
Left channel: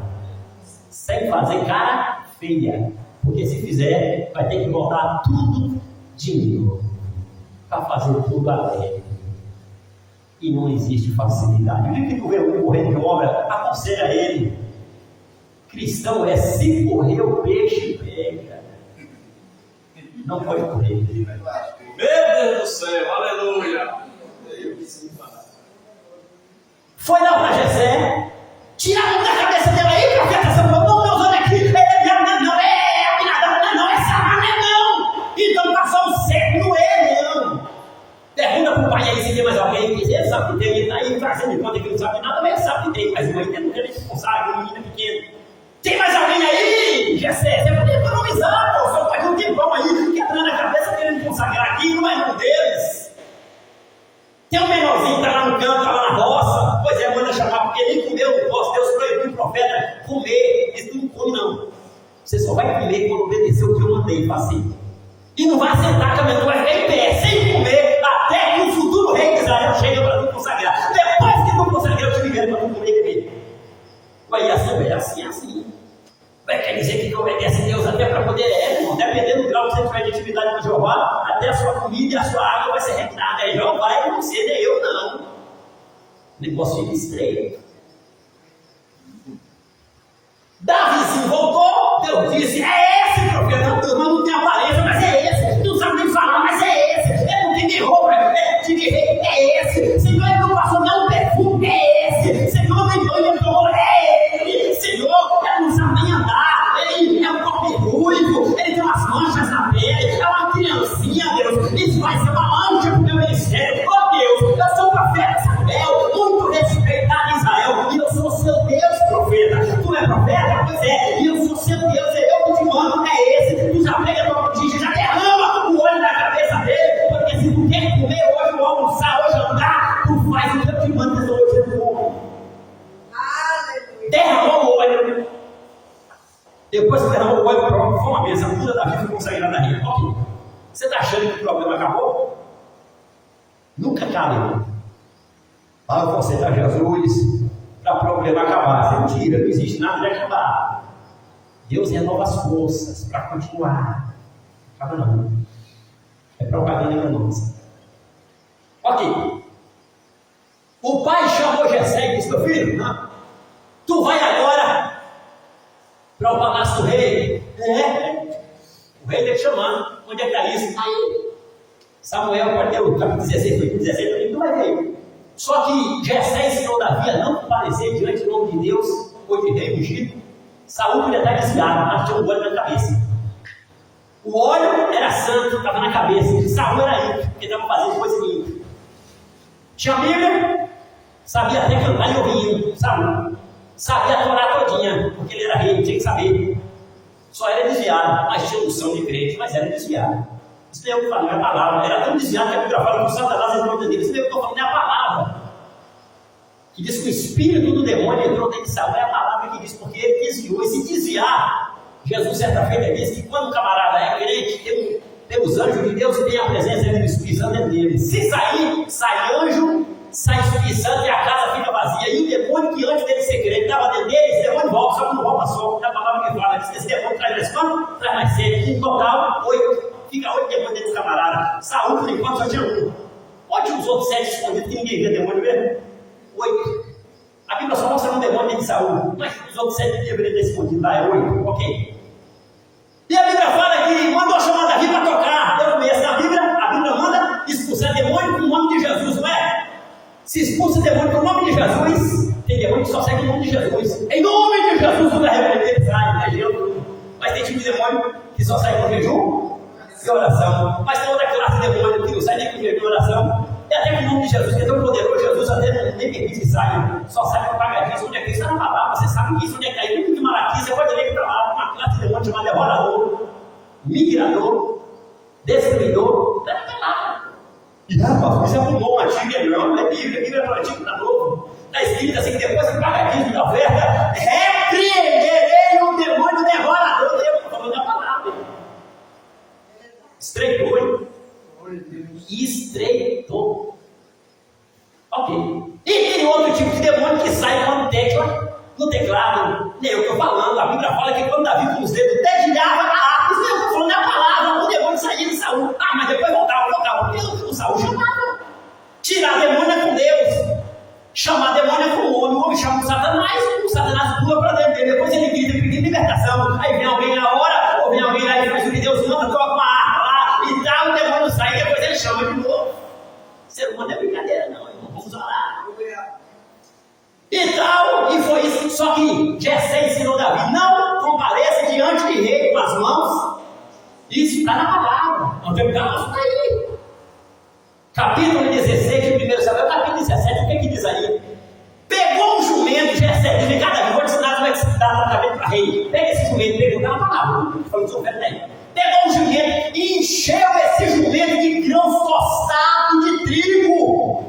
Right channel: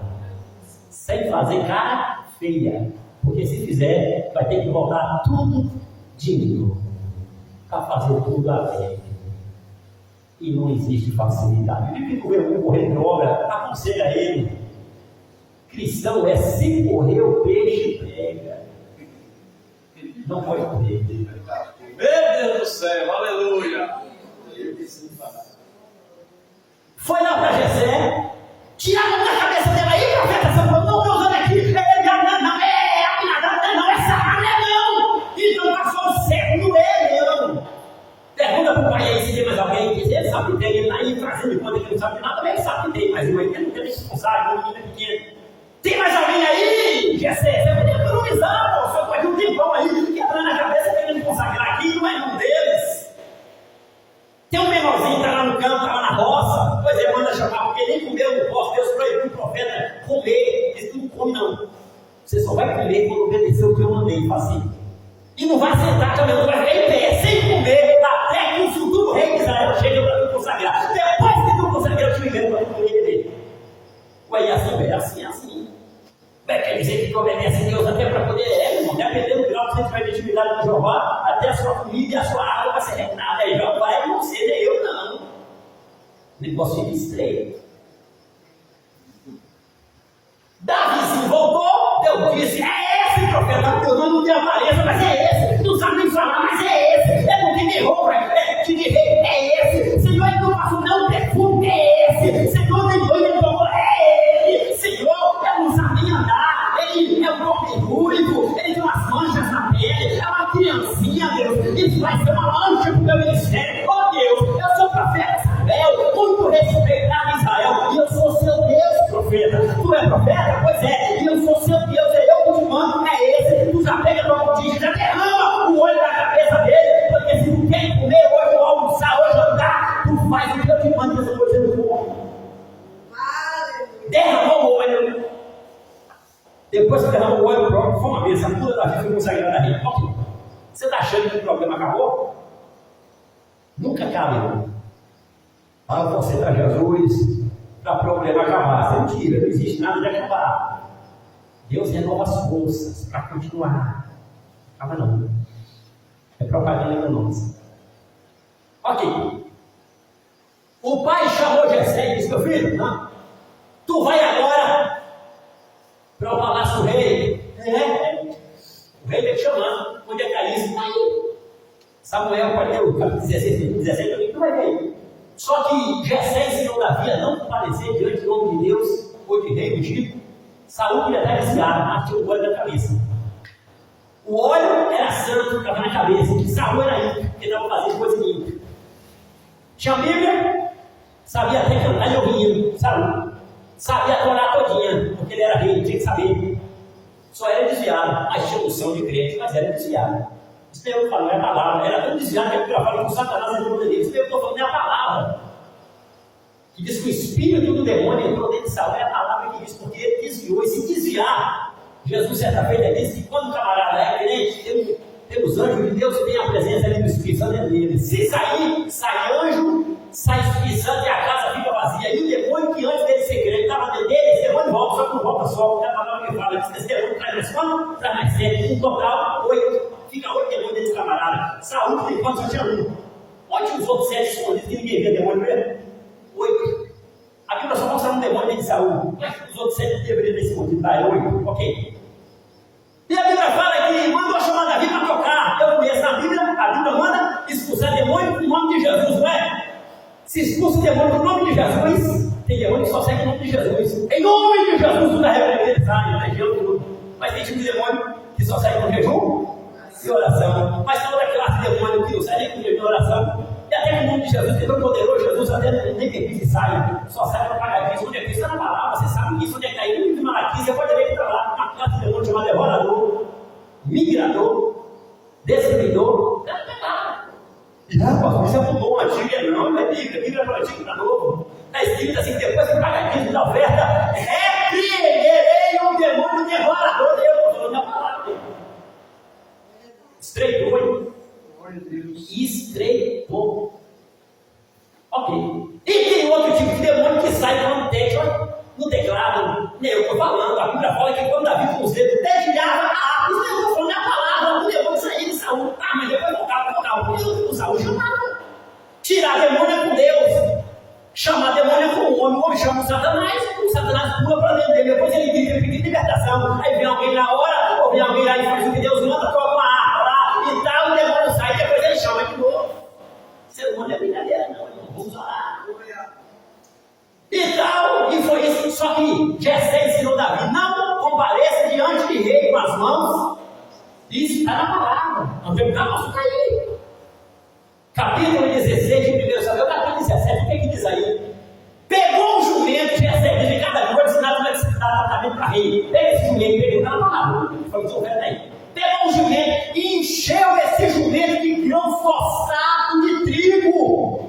Sem fazer cara feia. Porque se fizer, vai ter que voltar tudo de novo. Para fazer tudo a pé. E não existe facilidade. O dia que correr de obra, aconselha ele. Cristão é se correr o peixe pega. Não pode correr. Meu Deus do céu, aleluia. Foi lá para Jessé, tira a mão da cabeça dela aí, profeta Samuel, não estou usando aqui, não é Abinadab, não é Samar, não. Então passou o século, não é, não. Pergunta para o pai aí se tem mais alguém, ele sabe que tem, ele está aí trazendo de conta que não sabe nada, mas ele sabe que tem, mas uma ainda não quer expulsar, uma menina pequena. Tem mais alguém aí, Jessé? Você pode economizar, pô, só pode um tempão aí, quebrando a cabeça, querendo consagrar aqui, não é irmão deles. Tem um menorzinho que está lá no campo, está lá na roça, pois é, manda chamar, porque nem comeu, não posso, Deus proibiu o profeta comer, isso não come não. Você só vai comer quando obedecer o que eu mandei fazer. E não vai sentar também, tu vai ficar em pé, sem comer, até que o futuro rei de Israel chegue para tu consagrar. Depois que tu consagrar, eu te libero para tu comer e beber. Vai assim. Vai quer dizer que tu obedece a Deus até para poder, irmão, dependendo do grau que você tiver de intimidade com Jeová, até a sua comida e a sua água vai ser regrada. Aí João vai não ser, nem eu não. O negócio fica estreito. Davizinho voltou, Deus disse, é esse profeta, teu nome não tem aparência, mas é esse, não sabe nem falar, mas é esse, é não tem nem roupa, de rei, é esse, Senhor, ele não passou não perfume, é esse, Senhor, nem banho, ele tomou, é ele, Senhor, ele não sabe nem andar, ele é um corpo ruivo, ele tem umas manchas na pele, é uma criancinha, Deus, isso vai ser uma mancha pro meu ministério, ó Deus, eu sou o profeta Samuel, muito respeitado em Israel, e eu sou seu Deus, profeta, tu é profeta? Pois é, e eu sou seu Deus, é eu que te mando, é esse, tu já pega a tua botija, já derrama o olho da cabeça dele, porque se tu quer comer hoje, ou almoçar, hoje andar, tu faz o que eu te mando, que hoje eu vou. Derramou o olho. Depois que derramou o olho, pronto, foi uma vez, a cura da vida foi consagrada a rei. Ok, você está achando que o problema acabou? Nunca acaba, irmão. Ah, vou aceitar Jesus para o problema acabar. Isso é mentira, não existe nada de acabar. Deus renova as forças para continuar. Acaba não. É propaganda enganosa. Ok. O pai chamou Jessé e disse, meu filho, não, tu vai agora para o palácio do rei. O rei está te chamando. Onde é que está isso? Está aí. Samuel, capítulo 16, 17, tu vai ver aí. Só que Jessé ensinou Davi a não comparecer diante do nome de Deus ou de rei ungido. Saúl podia estar desviado, mas tinha um óleo na cabeça. O óleo era santo, estava na cabeça. Saúl era ímpio, porque estava fazendo coisa ímpia. Tinha a Bíblia, sabia até cantar e ouvir Saúl. Sabia a Torá todinha, porque ele era rei, tinha que saber. Só era desviado, mas tinha unção de crente, mas era desviado. Isso não é o que falo, não é a palavra. Era tão desviado que a Bíblia fala que o Satanás entrou dentro dele. Isso não é o que eu estou falando, não é a palavra. Que diz que o espírito do demônio entrou dentro de Saúl. É a palavra que diz, porque ele desviou. E se desviar, Jesus certa feita disse que quando o camarada é crente, tem os anjos de Deus e tem a presença do Espírito Santo dentro dele. Se sair, sai anjo, sai Espírito Santo e a casa fica vazia. E o demônio que antes dele ser crente estava dentro dele, esse demônio volta, só que não volta só. É a palavra que fala. Diz que esse demônio traz mais quanto? Traz mais 7. Em total, 8. Fica 8 demônios dentro do camarada. Saúl, por enquanto, só tinha 1. Pode os outros 7 escondidos que ninguém vê demônio mesmo? 8. A Bíblia só mostra um demônio dentro de Saúl. Mas os outros 7 deveriam ter escondido. Tá, é 8. Ok. E a Bíblia fala que mandou chamar Davi para tocar. Eu conheço na Bíblia. A Bíblia manda expulsar demônio com o nome de Jesus, não é? Se expulsa demônio com o nome de Jesus, tem demônio que só segue o nome de Jesus. Em nome de Jesus, tudo é repreender, sai, legião, tudo. Mas tem tipo de demônio que só sai com jejum e oração. Mas tem outra classe de demônio que não sai nem com jejum e oração. E até que o nome de Jesus, que é tão poderoso, Jesus até nem permite que saia. Só sai com pagadinho. Onde é que isso? Está na palavra, você sabe disso. Onde é que está aí? De Malaquias, você pode ler que está lá. Uma classe de demônio chamada devorador, migrador, destruidor. Está na palavra. E rapaz, isso é um dom antigo, não é Bíblia. Bíblia é para o antigo, para novo. Está escrito assim, que depois que pagadinho da oferta, repreenderei o demônio devorador. Eu estou falando da palavra. Estreitou, hein? Estreitou. Ok. E tem outro tipo de demônio que sai com uma tecla no teclado. Nem eu estou falando. A Bíblia fala que quando Davi com os dedos dedilhava a harpa. Isso eu estou falando da palavra. O demônio saía de Saúl. Ah, mas depois voltava. Porque o Saúl chamava. Tirar demônio é com Deus. Chamar demônio é com o homem chama o Satanás pula para dentro dele, depois ele grita pedindo libertação. Aí vem alguém na hora, ou vem alguém lá e faz o que Deus manda, toca uma harpa lá e tal, o demônio sai e depois ele chama de novo. Ser humano não é brincadeira, não, irmão. Vamos orar. E tal, e foi isso. Só que Jessé ensinou Davi: não compareça diante de rei com as mãos. Isso está na palavra. Não tem calma, isso está aí. Capítulo 16 de 1 Samuel, capítulo 17, o que diz aí? Pegou um jumento, Jessé, diz: Davi, vou te ensinar como é que se dá tratamento para rei. Pega esse jumento, pega, está na palavra. Falou: seu velho daí. Pegou um jumento e encheu esse jumento de grãos tostados de trigo.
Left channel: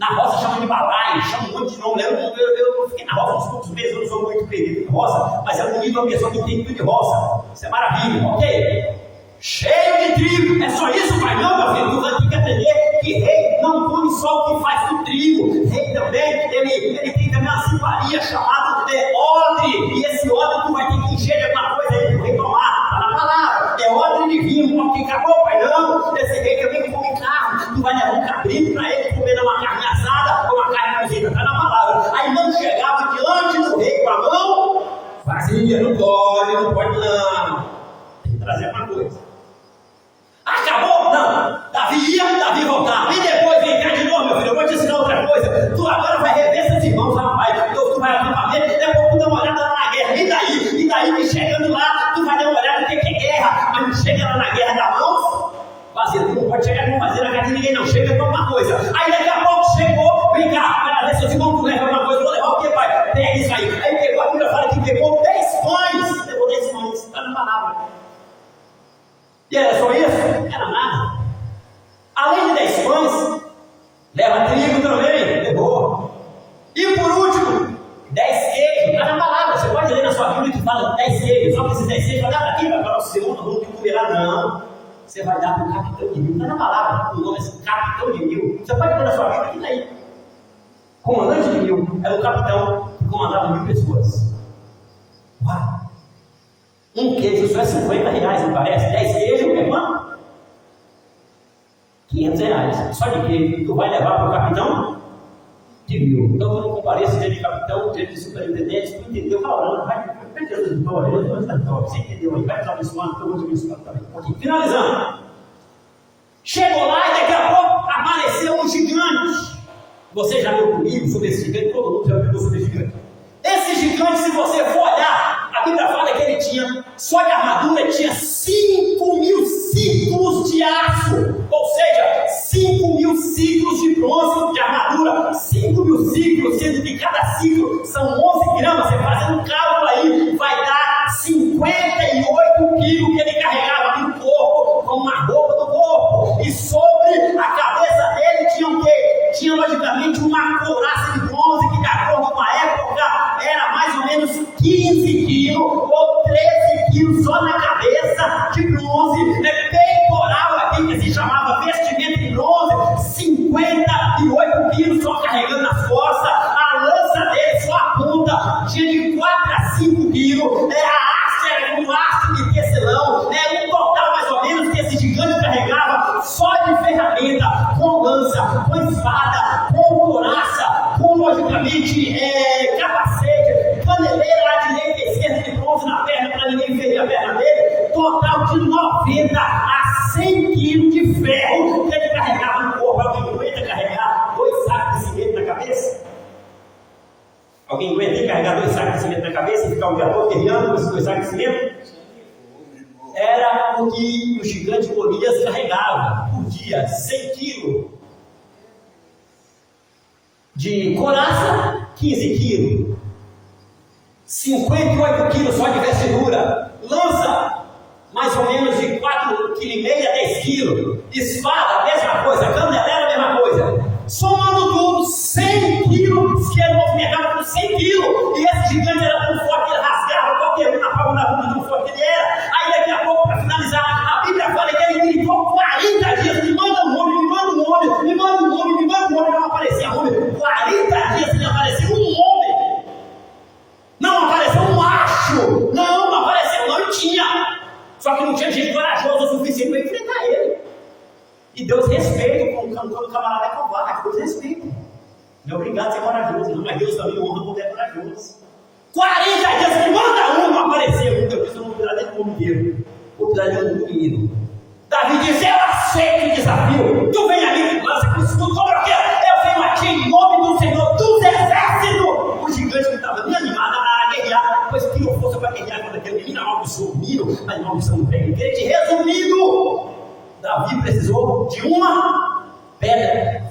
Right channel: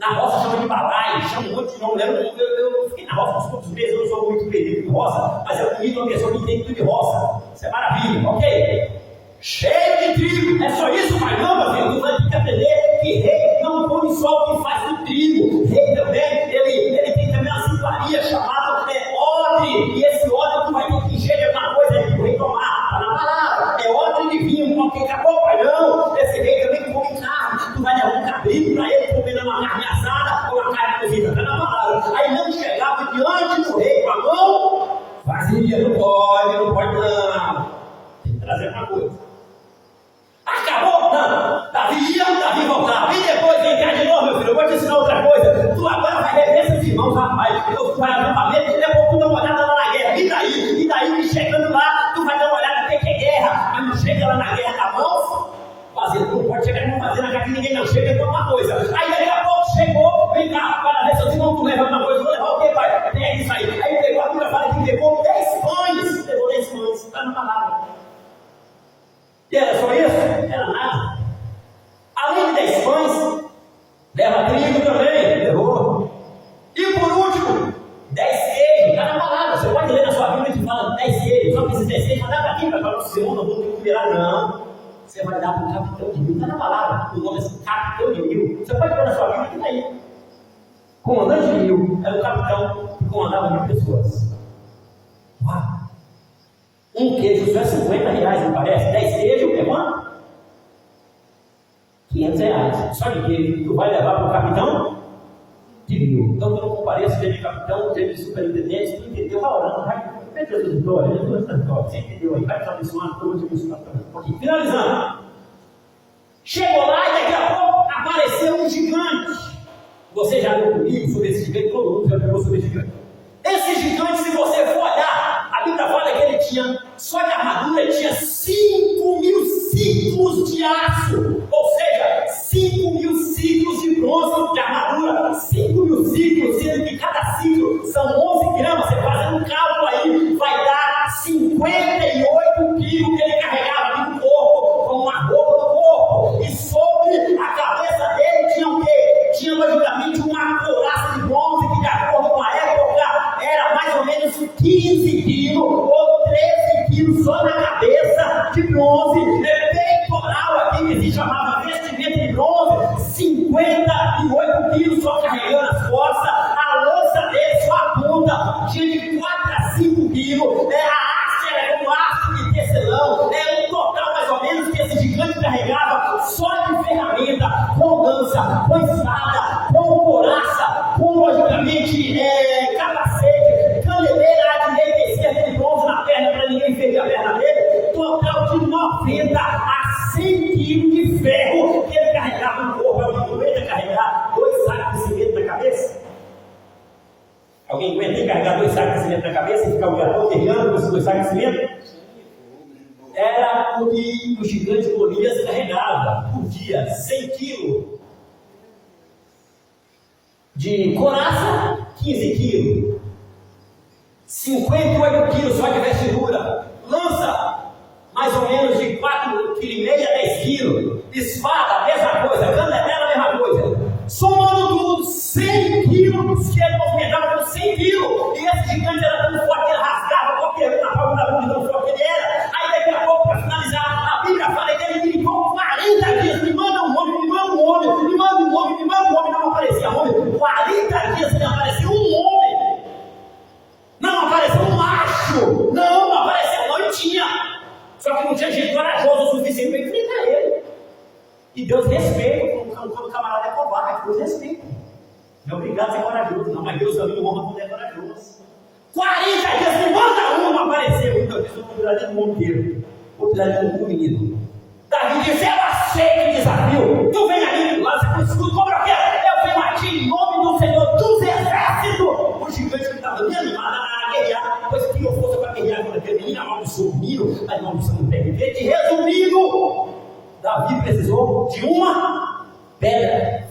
Na roça chama de balai, chama um monte de nome. Eu fiquei na roça uns poucos meses, eu não sou muito perdido em roça, mas é bonito uma pessoa que tem tudo de roça. Isso é maravilha, ok? Cheio de trigo. É só isso, pai? Não, meu filho, tu vai ter que aprender que rei não come só o que faz do trigo. Rei também, ele tem também uma zimparia chamada odre. E esse odre tu vai ter que encher de alguma coisa aí pro rei tomar. Está na palavra. É odre de vinho, porque acabou, pai? Não. Esse rei também come carne. Tu vai levar um cabrito para ele comer uma carne assada ou uma carne cozida. Está na palavra. Aí não chegava diante do rei com a mão vazia. Não pode não. Tem que trazer uma coisa. Acabou? Não. Davi voltava. E depois vem cá de novo, meu filho. Eu vou te ensinar outra coisa. Tu agora vai rever seus irmãos, rapaz. Tu vai ao acampamento e depois tu dá uma olhada lá na guerra. E daí, me chegando lá, tu vai dar uma olhada no que é guerra. Mas não chega lá na guerra da mão vazia. Tu não pode chegar não fazer na casa de ninguém, não. Chega e toma uma coisa. Aí daqui a pouco chegou, vem cá, vai lá ver seus irmãos, tu leva uma coisa. Vou levar o que, pai? Pega isso aí. Aí pegou, a Bíblia fala que pegou 10 pães. Levou 10 pães. Está na palavra. E era só isso? Era nada. Além de 10 pães, leva trigo também, levou. E por último, 10 queijos. Está na palavra. Você pode ler na sua Bíblia que fala 10 queijos. Só que esses 10 queijos vai dar para quem? Vai para o seu, não vamos ter que comer lá, não. Você vai dar para o capitão de mil. Está na palavra. O nome é capitão de mil. Você pode ver na sua Bíblia que está aí. Comandante de mil. Era o capitão que comandava 1000 pessoas. Uau! Um queijo só é 50 reais, não parece? 10 queijos, meu irmão? 500 reais. Só de queijo. Tu vai levar para o capitão de 1000. Então, tu não compareça dia de capitão, dia de superintendente. Se tu entendeu, vai orando. Vai Jesus, você entendeu aí? Vai te abençoando, estou muito abençoado também. Ok, finalizando. Chegou lá e daqui a pouco apareceu um gigante. Você já viu comigo sobre esse gigante? Todo mundo já pegou sobre esse gigante. Esse gigante, se você for olhar, a Bíblia fala que ele tinha, só de armadura, tinha 5.000 ciclos de aço. Ou seja, 5.000 ciclos de bronze de armadura. 5.000 ciclos, sendo que cada ciclo são 11 gramas. Você fazendo um cálculo aí, vai dar 58 quilos que ele carregava aqui no corpo, como uma roupa do corpo. E sobre a cabeça dele tinha o quê? Tinha logicamente uma couraça de bronze que, de acordo com a época, era mais ou menos 15 quilos ou 13 quilos só na cabeça de bronze. Peitoral aqui que se chamava vestimenta de bronze, 58 quilos só carregando nas costas. A lança dele só a ponta tinha de 4 a 5 quilos. A haste era um haste de tecelão. Um total mais ou menos que esse gigante carregava só de ferramenta, com lança, com espada, com couraça, com logicamente capacete, caneleira à direita e esquerda de bronze na perna para ninguém ferir a perna dele. Total de 90 a 100 quilos de ferro que ele carregava no corpo. Alguém aguenta carregar 2 sacos de cimento na cabeça? Alguém aguenta carregar 2 sacos de cimento na cabeça e ficar o dia todo guerreando com esses 2 sacos de cimento? Era o que o gigante Golias carregava por dia, 100 quilos. De couraça, 15 quilos. 58 quilos só de vestidura. Lança, mais ou menos de 4,5 kg a 10 quilos. Espada, a mesma coisa. Candelera, a mesma coisa. Somando tudo, 100 quilos, que ele movimentava com 100 quilos. E esse gigante era tão forte que ele rasgava qualquer um na palma da bunda, tão forte que ele era. Aí daqui a pouco, para finalizar, a Bíblia fala que ele gritou 40 dias: me manda um homem, me manda um homem, me manda um homem, me manda um homem. Não aparecia homem. 40 dias sem aparecer um homem. Não apareceu um macho. Não apareceu, não, e tinha. Só que não tinha gente corajosa o suficiente para enfrentar ele. E Deus respeita quando o camarada é covarde. Deus respeita. Não é obrigado a ser corajoso, não, mas Deus também honra quando é corajoso. 40 dias que manda um, não apareceu. Então eu disse, eu não vou precisar de um mundo inteiro. Vou precisar de um menino. Davi diz, eu aceito o desafio. Tu vem ali, lança com isso tudo, como eu quero. Eu venho aqui em nome do Senhor dos Exércitos. O gigante que estava me animado a guerrear, pois criou força para guerrear quando aquele menino amaldiçoou o menino, mas maldição não pega em frente. Resumindo, Davi precisou de uma pedra.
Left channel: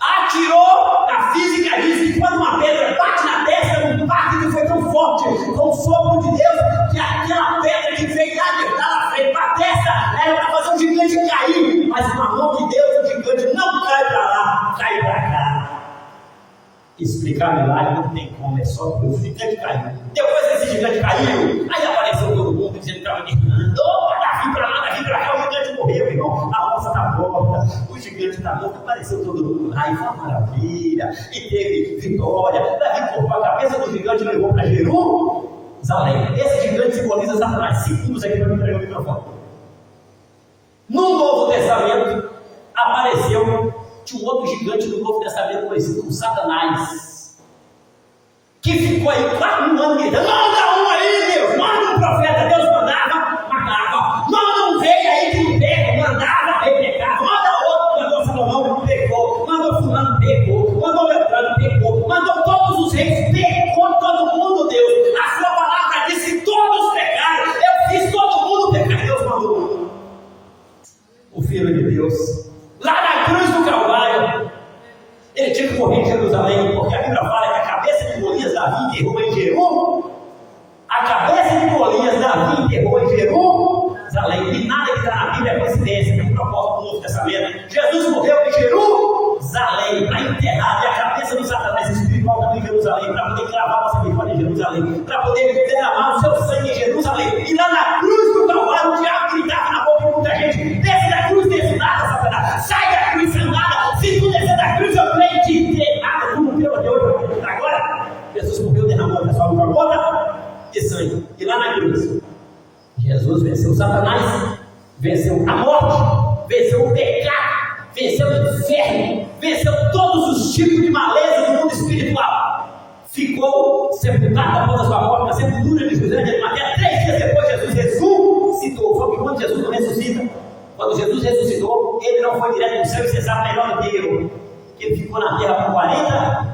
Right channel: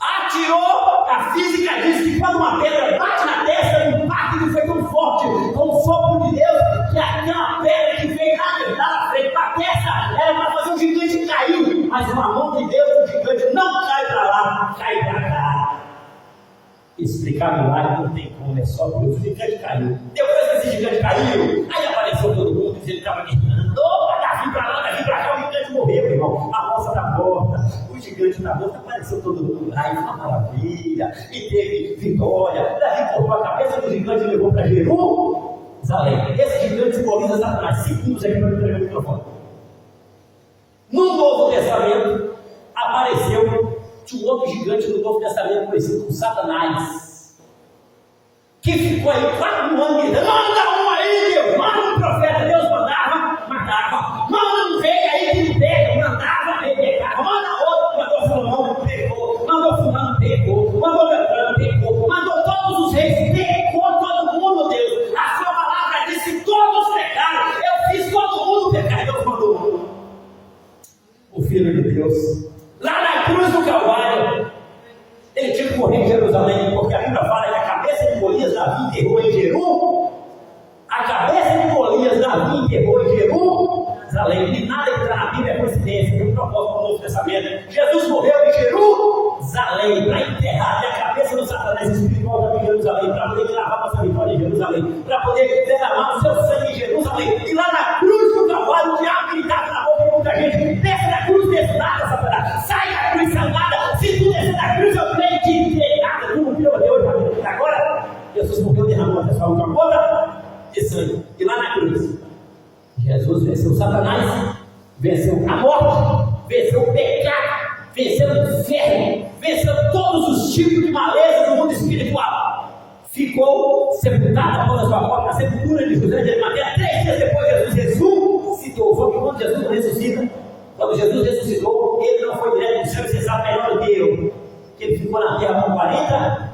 Atirou, a física diz que quando uma pedra bate na testa, o impacto foi tão forte, com o sopro de Deus, que aquela pedra que veio lá na frente para a testa, era para fazer o gigante cair, mas uma mão de Deus, o gigante não cai para lá, cai para cá. Explicar milagre não tem como, é só Deus. O gigante caiu. Depois esse gigante caiu, aí apareceu todo mundo dizendo que estava gritando, opa, Davi para lá, Davi para cá, o gigante morreu, meu irmão, a moça está morta, o gigante está morto, apareceu todo mundo lá, e foi uma maravilha, e teve vitória. Davi cortou a cabeça do gigante e levou para Jerusalém. Esse gigante simboliza Satanás. Segundos aqui para me entregar o microfone. No Novo Testamento apareceu um outro gigante do Novo Testamento conhecido como Satanás, que ficou aí 4 anos gritando, manda um aí, Deus, manda um profeta. Deus mandava, matava, manda um rei aí que não pega, mandava, rei pegava, manda outro, mandou Salomão, pegou, mandou fulano, pegou, mandou Beltrano, pegou, mandou todos os reis, pegou todo mundo, Deus. A sua palavra disse, todos pecaram, eu fiz todo mundo pecar, Deus mandou o Filho de Deus lá na cruz do Calvário. Ele tinha que morrer em Jerusalém, porque a Bíblia fala que a cabeça de Golias Davi enterrou em Jerusalém. A cabeça de Golias Davi enterrou em Jerusalém. E nada que está na Bíblia é coincidência, tem um propósito do Novo Testamento. Jesus morreu em Jerusalém para enterrar a cabeça do Satanás espiritual também em Jerusalém, para poder gravar nossa vitória em Jerusalém, para poder derramar o seu sangue em Jerusalém. E lá na cruz do Calvário, o diabo gritava na boca de muita gente: desce da cruz, desce nada, Satanás, sai da cruz, sem nada. Se tu descer da cruz, eu creio que tem nada. Tu não viu até hoje para acreditar agora? Jesus morreu, derramou a sua gota de sangue. E lá na cruz, Jesus venceu Satanás, venceu a morte, venceu o pecado, venceu o inferno, venceu todos os tipos de maleza do mundo espiritual. Ficou sepultado após a sua morte na sepultura de José de Arimateia. 3 dias depois, Jesus ressuscitou. Foi que quando Jesus não ressuscita, quando Jesus ressuscitou, ele não foi direto para o céu, e você sabe melhor do que eu, que ele ficou na terra por 40.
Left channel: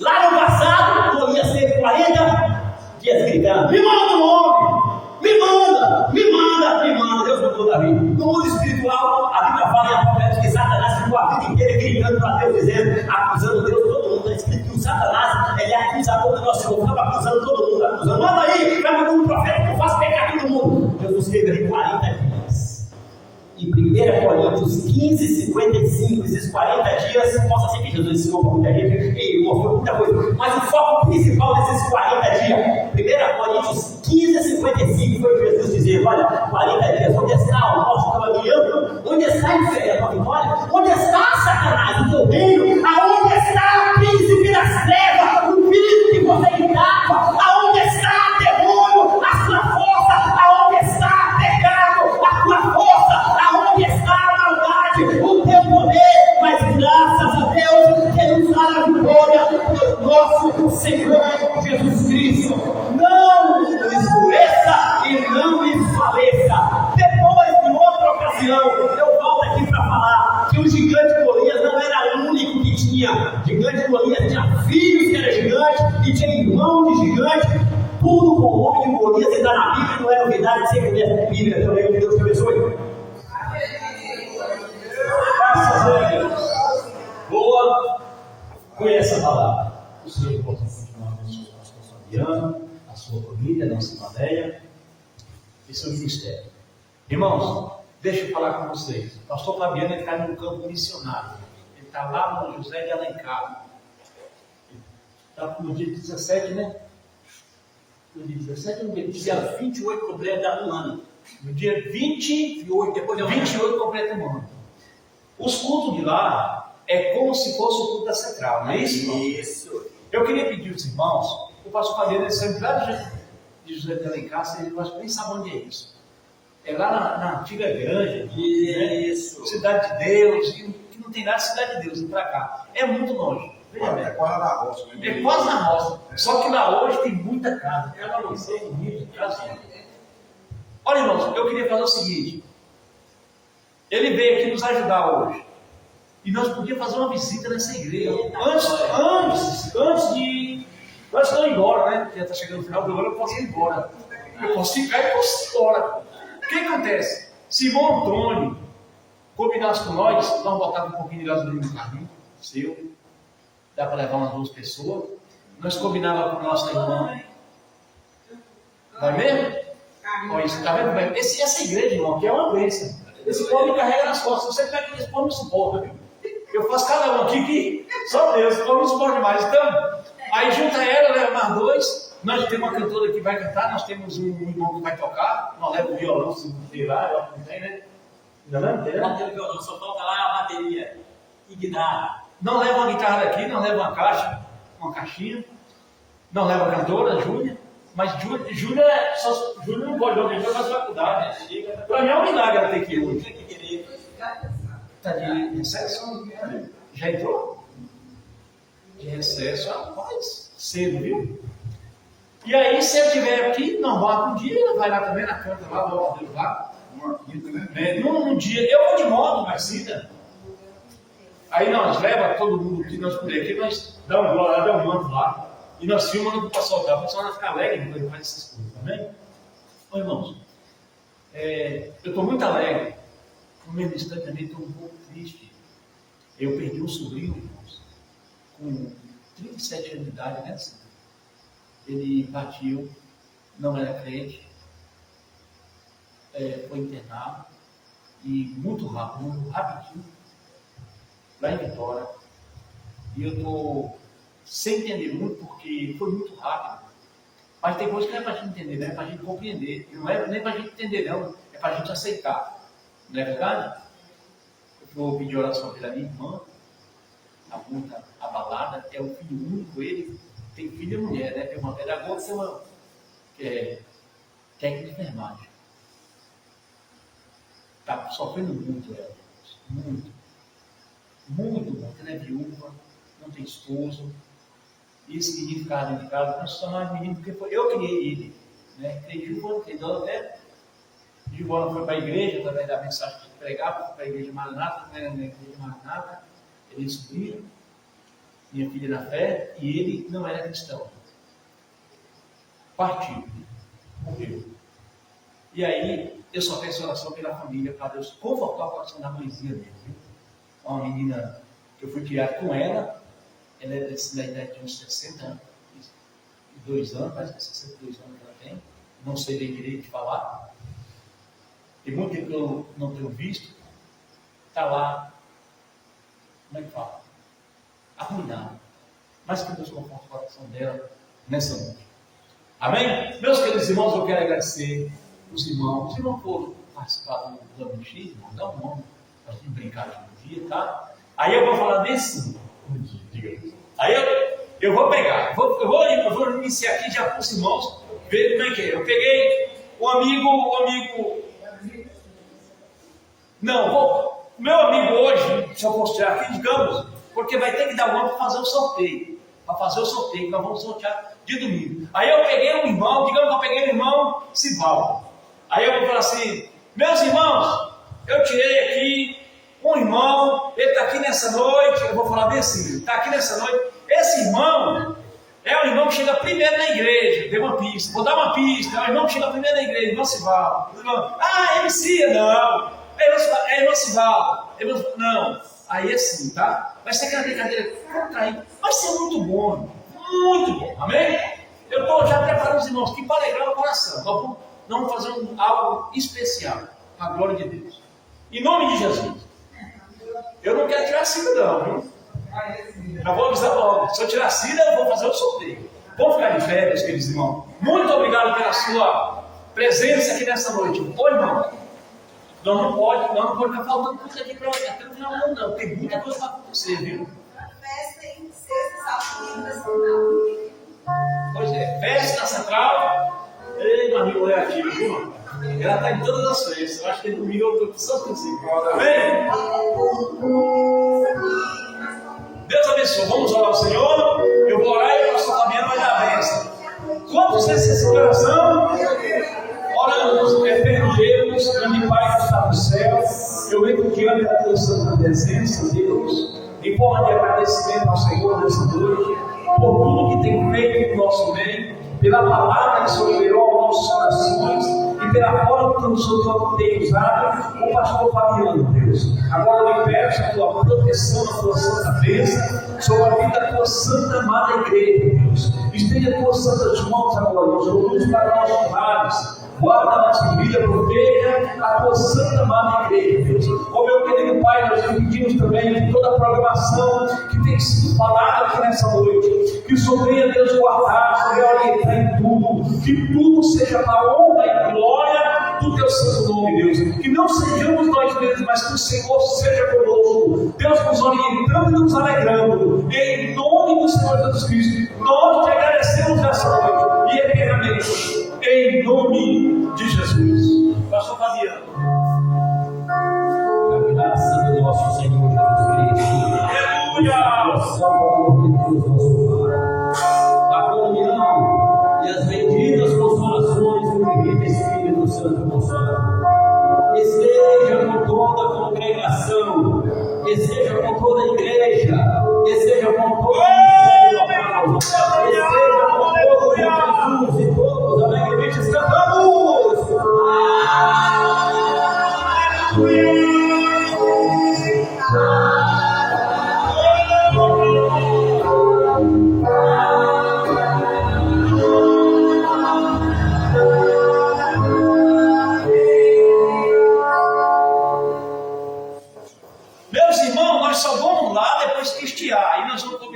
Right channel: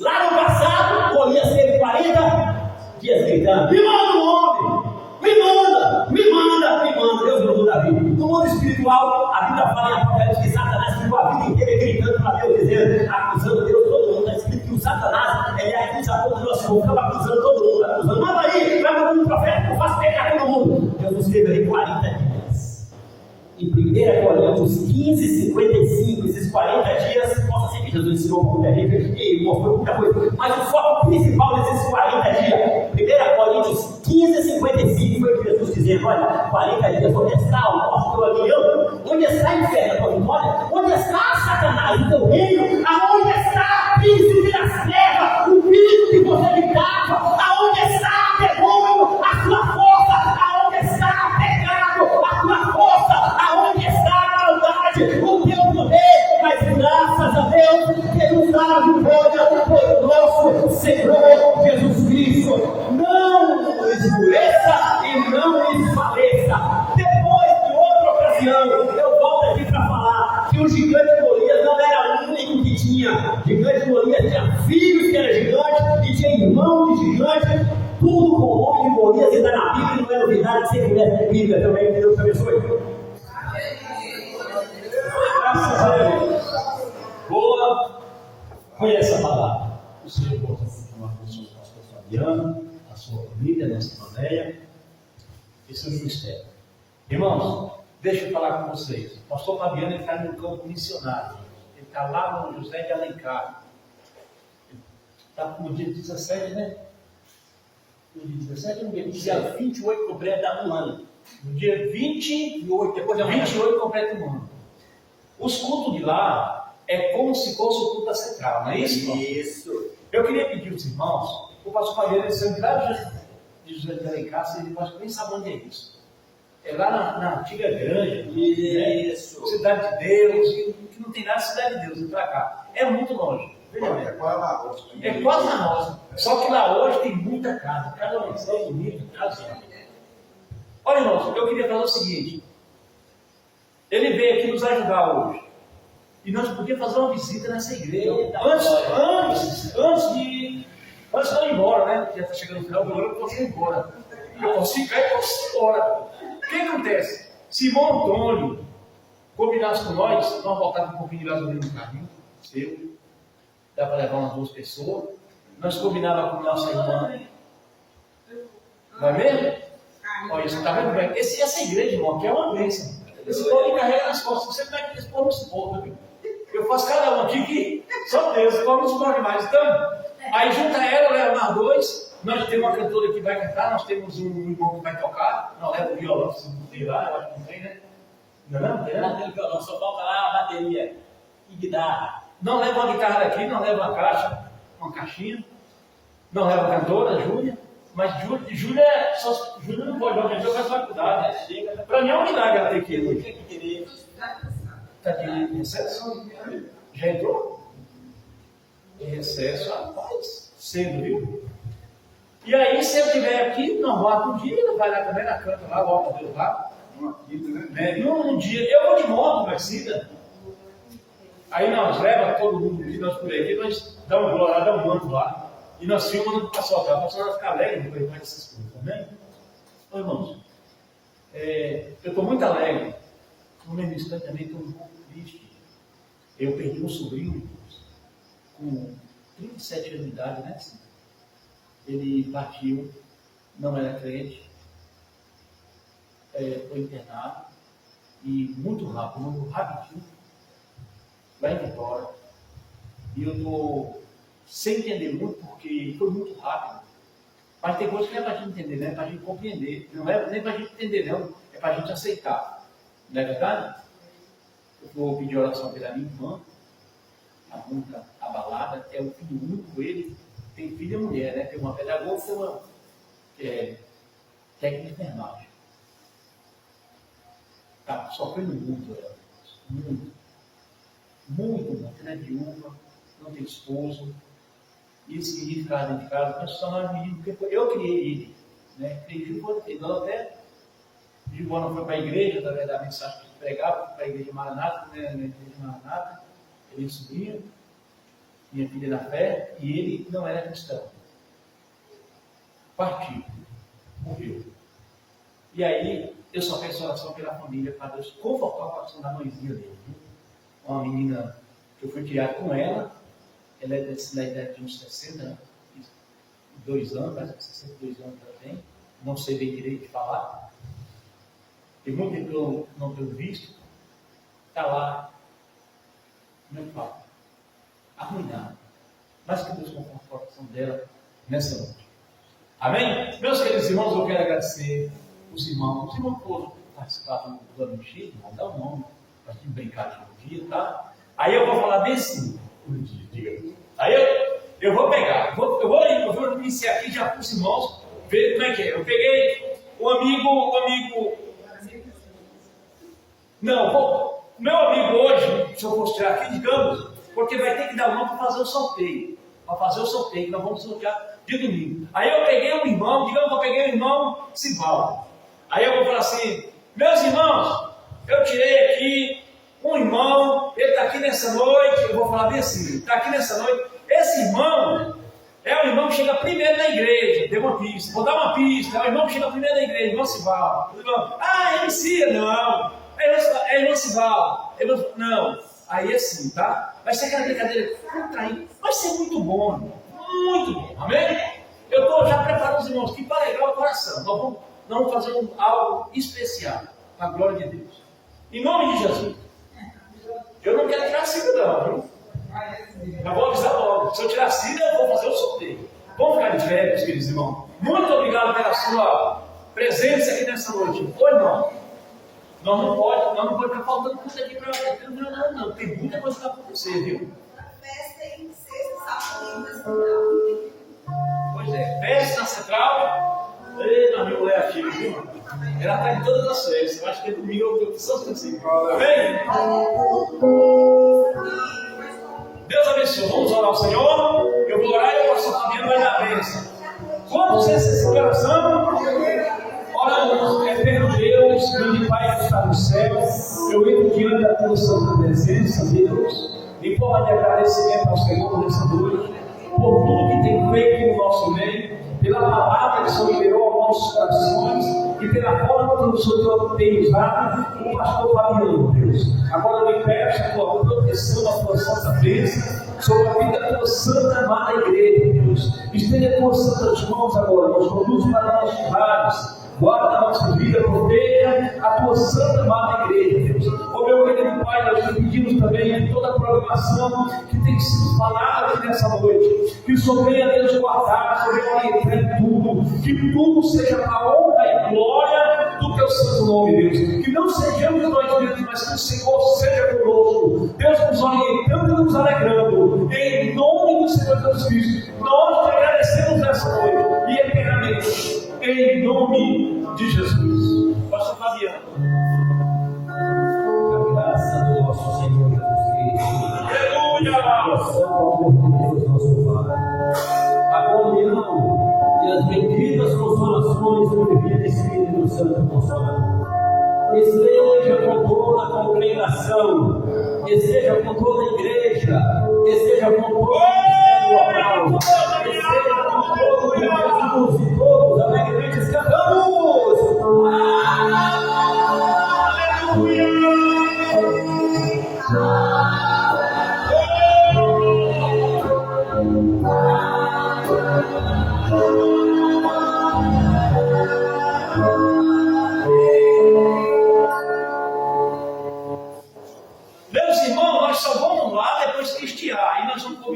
Lá no passado, Golias teve 40 dias gritando: me manda um homem, me manda, me manda, me manda. Deus mandou Davi. No mundo espiritual, a Bíblia fala em Apocalipse que Satanás ficou a vida inteira gritando para Deus, dizendo, acusando Deus. Todo mundo está escrito que o Satanás, ele é acusador do nosso Senhor, ficava acusando todo mundo, acusando. Manda aí, vai mandando um profeta que eu faço pecar todo mundo. Deus escreveu aí 40 dias. Em 1 Coríntios 15, 55, esses 40 dias, possa ser que Jesus ensinou para muita gente e mostrou muita coisa, mas o foco principal desses 40 dias, 1 Coríntios 15, 55, foi Jesus dizendo: olha, 40 dias, onde está o nosso teu aguilhão? Onde está o inferno, a tua vitória? Onde está Satanás, o teu reino? Aonde está o príncipe das trevas, o filho que você gritava? Aonde está, demônio, a sua força? Aonde está, pecado, a tua força? Aonde está a maldade, o teu poder? Mas graças a Deus, que nos dá a vitória por nosso Senhor Jesus Cristo. Não esmoreça e não desfaleça. Depois de outra ocasião, eu volto aqui para falar que o gigante Golias não era o único que tinha. Gigante Golias tinha filhos que eram gigantes e tinha irmão de gigante. Tudo com o nome de Golias e está na Bíblia, não é novidade que você conhece a Bíblia também. Que Deus te abençoe. Graças a Deus. Boa. Conheça a palavra. O Senhor possa continuar com o seu pastor Fabiano, a sua família, a nossa Madeia e seu ministério. Irmãos, deixa eu falar com vocês. O pastor Fabiano está num campo missionário. Ele está lá no José de Alencar. Está no dia 17, né? No dia 17 ou no dia 28 completa um ano. No dia 28, depois de 28 completa um ano. Os cultos de lá é como se fosse o culto da central, não é isso? Isso. Eu queria pedir aos irmãos, o pastor Fabiano saiu lá de José de Alencar, ele nem sabe onde é isso. É lá na antiga granja, isso. Né? Cidade de Deus, e que não tem nada de Cidade de Deus, ir para cá. É muito longe. É quase na roça. É quase na roça. Só que lá hoje tem muita casa. Cada mansão bonita, casa. Olha, irmãos, eu queria falar o seguinte. Ele veio aqui nos ajudar hoje. E nós podíamos fazer uma visita nessa igreja. Antes de eu ir embora, né? Já está chegando no final do ano, eu posso ir embora. Eu posso ficar e posso ir embora. O que acontece? Se Simão Antônio combinasse com nós botávamos um pouquinho de gasolina no carrinho, seu. Dá para levar umas 2 pessoas. Nós combinávamos com nossa irmã. Não é mesmo? Olha isso, está vendo bem? Essa igreja, irmão, aqui é uma bênção. Esse povo me carrega nas costas. Você pega que esse povo não suporta, viu? Eu faço cada um aqui que só Deus, esse povo não suporta demais. Então, aí junta ela, leva mais 2. Nós temos uma cantora que vai cantar, nós temos um irmão que vai tocar. Nós leva o violão, se não tem lá, eu acho que não tem, né? Não tem? Não tem violão, só falta lá a bateria e guitarra. Não leva uma guitarra daqui, não leva uma caixa, uma caixinha. Não leva a cantora, Júlia. Mas Júlia não pode não, porque faz faculdade. Para mim é um milagre ela ter que ir hoje. Está de recesso? Já entrou? De recesso, rapaz, cedo, viu? E aí, se eu estiver aqui, não volta um dia, ela vai lá também na canta, lá, volta Deus lá. Num dia, eu vou de moto, Marcida. Aí nós leva todo mundo que nós por aqui, nós dá um glória lá, dá um manto lá. E nós filmamos para o pessoal vai ficar alegre depois de fazer essas coisas, também. Então, irmãos, eu estou muito alegre. No mesmo instante também estou um pouco triste. Eu perdi um sobrinho, irmãos, com 37 anos de idade, né? Ele partiu, não era crente, foi internado, e muito rápido, rapidinho, lá em Vitória. E eu estou sem entender muito, porque foi muito rápido. Mas tem coisas que não é para a gente entender, não é para a gente compreender. Não é nem para a gente entender, não. É para a gente aceitar. Não é verdade? Eu vou pedir oração pela minha irmã. Está muito abalada. É o filho único, ele. Tem filho e mulher, né? Tem uma pedagoga, tem uma técnica de enfermagem. Está sofrendo muito ela. Muito. Muito. Ela é viúva, não tem esposo. E esse menino ficava dentro de casa, nós chamamos de menino porque eu criei ele. Né? Criei ele, então até Gilvana foi para a igreja, através da mensagem que pregava, para a igreja Maranata, né? Na igreja Maranata, ele sobrinho, minha filha na fé, e ele não era cristão. Partiu, morreu. E aí, eu só peço oração pela família, para Deus confortar o coração da mãezinha dele. Viu? Uma menina que eu fui criado com ela é da idade de uns 62 anos, parece que 62 anos que ela tem, não sei bem direito de falar. Tem muito tempo que eu não tenho visto, está lá, como é que fala? Arruinado. Mas que Deus conforte o coração dela nessa noite. Amém? Meus queridos irmãos, eu quero agradecer os irmãos que foram participar do AMX, dá um nome, para a gente brincar de um dia, tá? Aí eu vou falar desse dia. Aí eu vou pegar, eu vou iniciar aqui já com os irmãos, ver como é que é. Eu peguei o amigo. Não, meu amigo hoje, se eu fosse tirar aqui, digamos, porque vai ter que dar uma para fazer o sorteio. Para fazer o sorteio, que nós vamos sortear de domingo. Aí eu peguei um irmão, digamos que eu peguei um irmão Sivaldo. Aí eu vou falar assim, meus irmãos, eu tirei aqui um irmão, ele está aqui nessa noite, eu vou falar bem assim, está aqui nessa noite, esse irmão é o irmão que chega primeiro na igreja, deu uma pista, vou dar uma pista, é o irmão que chega primeiro na igreja, irmão Sivaldo. MC, não, é irmão Sivaldo, não, aí assim, tá? Vai ser aquela brincadeira contraída, vai ser muito bom, amém? Eu estou já preparando os irmãos aqui para alegrar o coração, nós vamos fazer algo especial, para a glória de Deus, em nome de Jesus. Eu não quero tirar a Cida não, viu? Já vou avisar logo. Se eu tirar a Cida, eu vou fazer o sorteio. Vamos ficar de férias, queridos irmãos. Muito obrigado pela sua presença aqui nessa noite. Ô irmão, nós não pode ficar faltando coisa aqui para o final, não. Tem muita coisa para acontecer, viu? A festa em sexta, sábado e domingo. Pois é, festa na central. Ei, meu amigo é ativo, viu? Ela está em todas as festas. Eu acho que domingo eu estou só princípio. Amém? Deus abençoe. Vamos orar ao Senhor. Eu vou orar e o pastor Fabiano vai dar a bênção. Quantos nessa coração? Oramos, eterno Deus, grande Pai que está no céu. Eu entro diante da tua santa presença, Deus, em forma de agradecimento ao Senhor nessa noite, por tudo que tem feito no nosso meio, pela palavra que o Senhor liberou aos nossos corações e pela forma que o Senhor tem usado o pastor Fabiano, Deus. Agora eu lhe peço a tua proteção, a tua santa bênção sobre a vida da tua santa amada igreja, Deus. Estende as tuas santas mãos agora, nos conduz para nossos lares. Guarda a nossa vida, proteja a tua santa amada igreja, Deus. Ó meu querido Pai, nós te pedimos também que toda a programação que tem sido falada aqui nessa noite, que o Senhor venha, Deus, guardar, o Senhor orientar em tudo, que tudo seja para a honra e glória do teu santo nome, Deus. Que não sejamos nós mesmos, mas que o Senhor seja conosco, Deus, nos orientando e nos alegrando, em nome do Senhor Jesus Cristo. Nós te agradecemos nessa noite e eternamente. Em nome de Jesus. Pastor Fabiano. A graça do nosso Senhor Jesus Cristo. Aleluia. A só amor de Deus, nosso Pai. A comunhão e as benditas consolações do Divino Espírito Santo Consolador esteja com toda a congregação, esteja com toda a igreja, esteja com todo o povo, esteja com todo o Jesus e todos alegremente cantamos. Aleluia!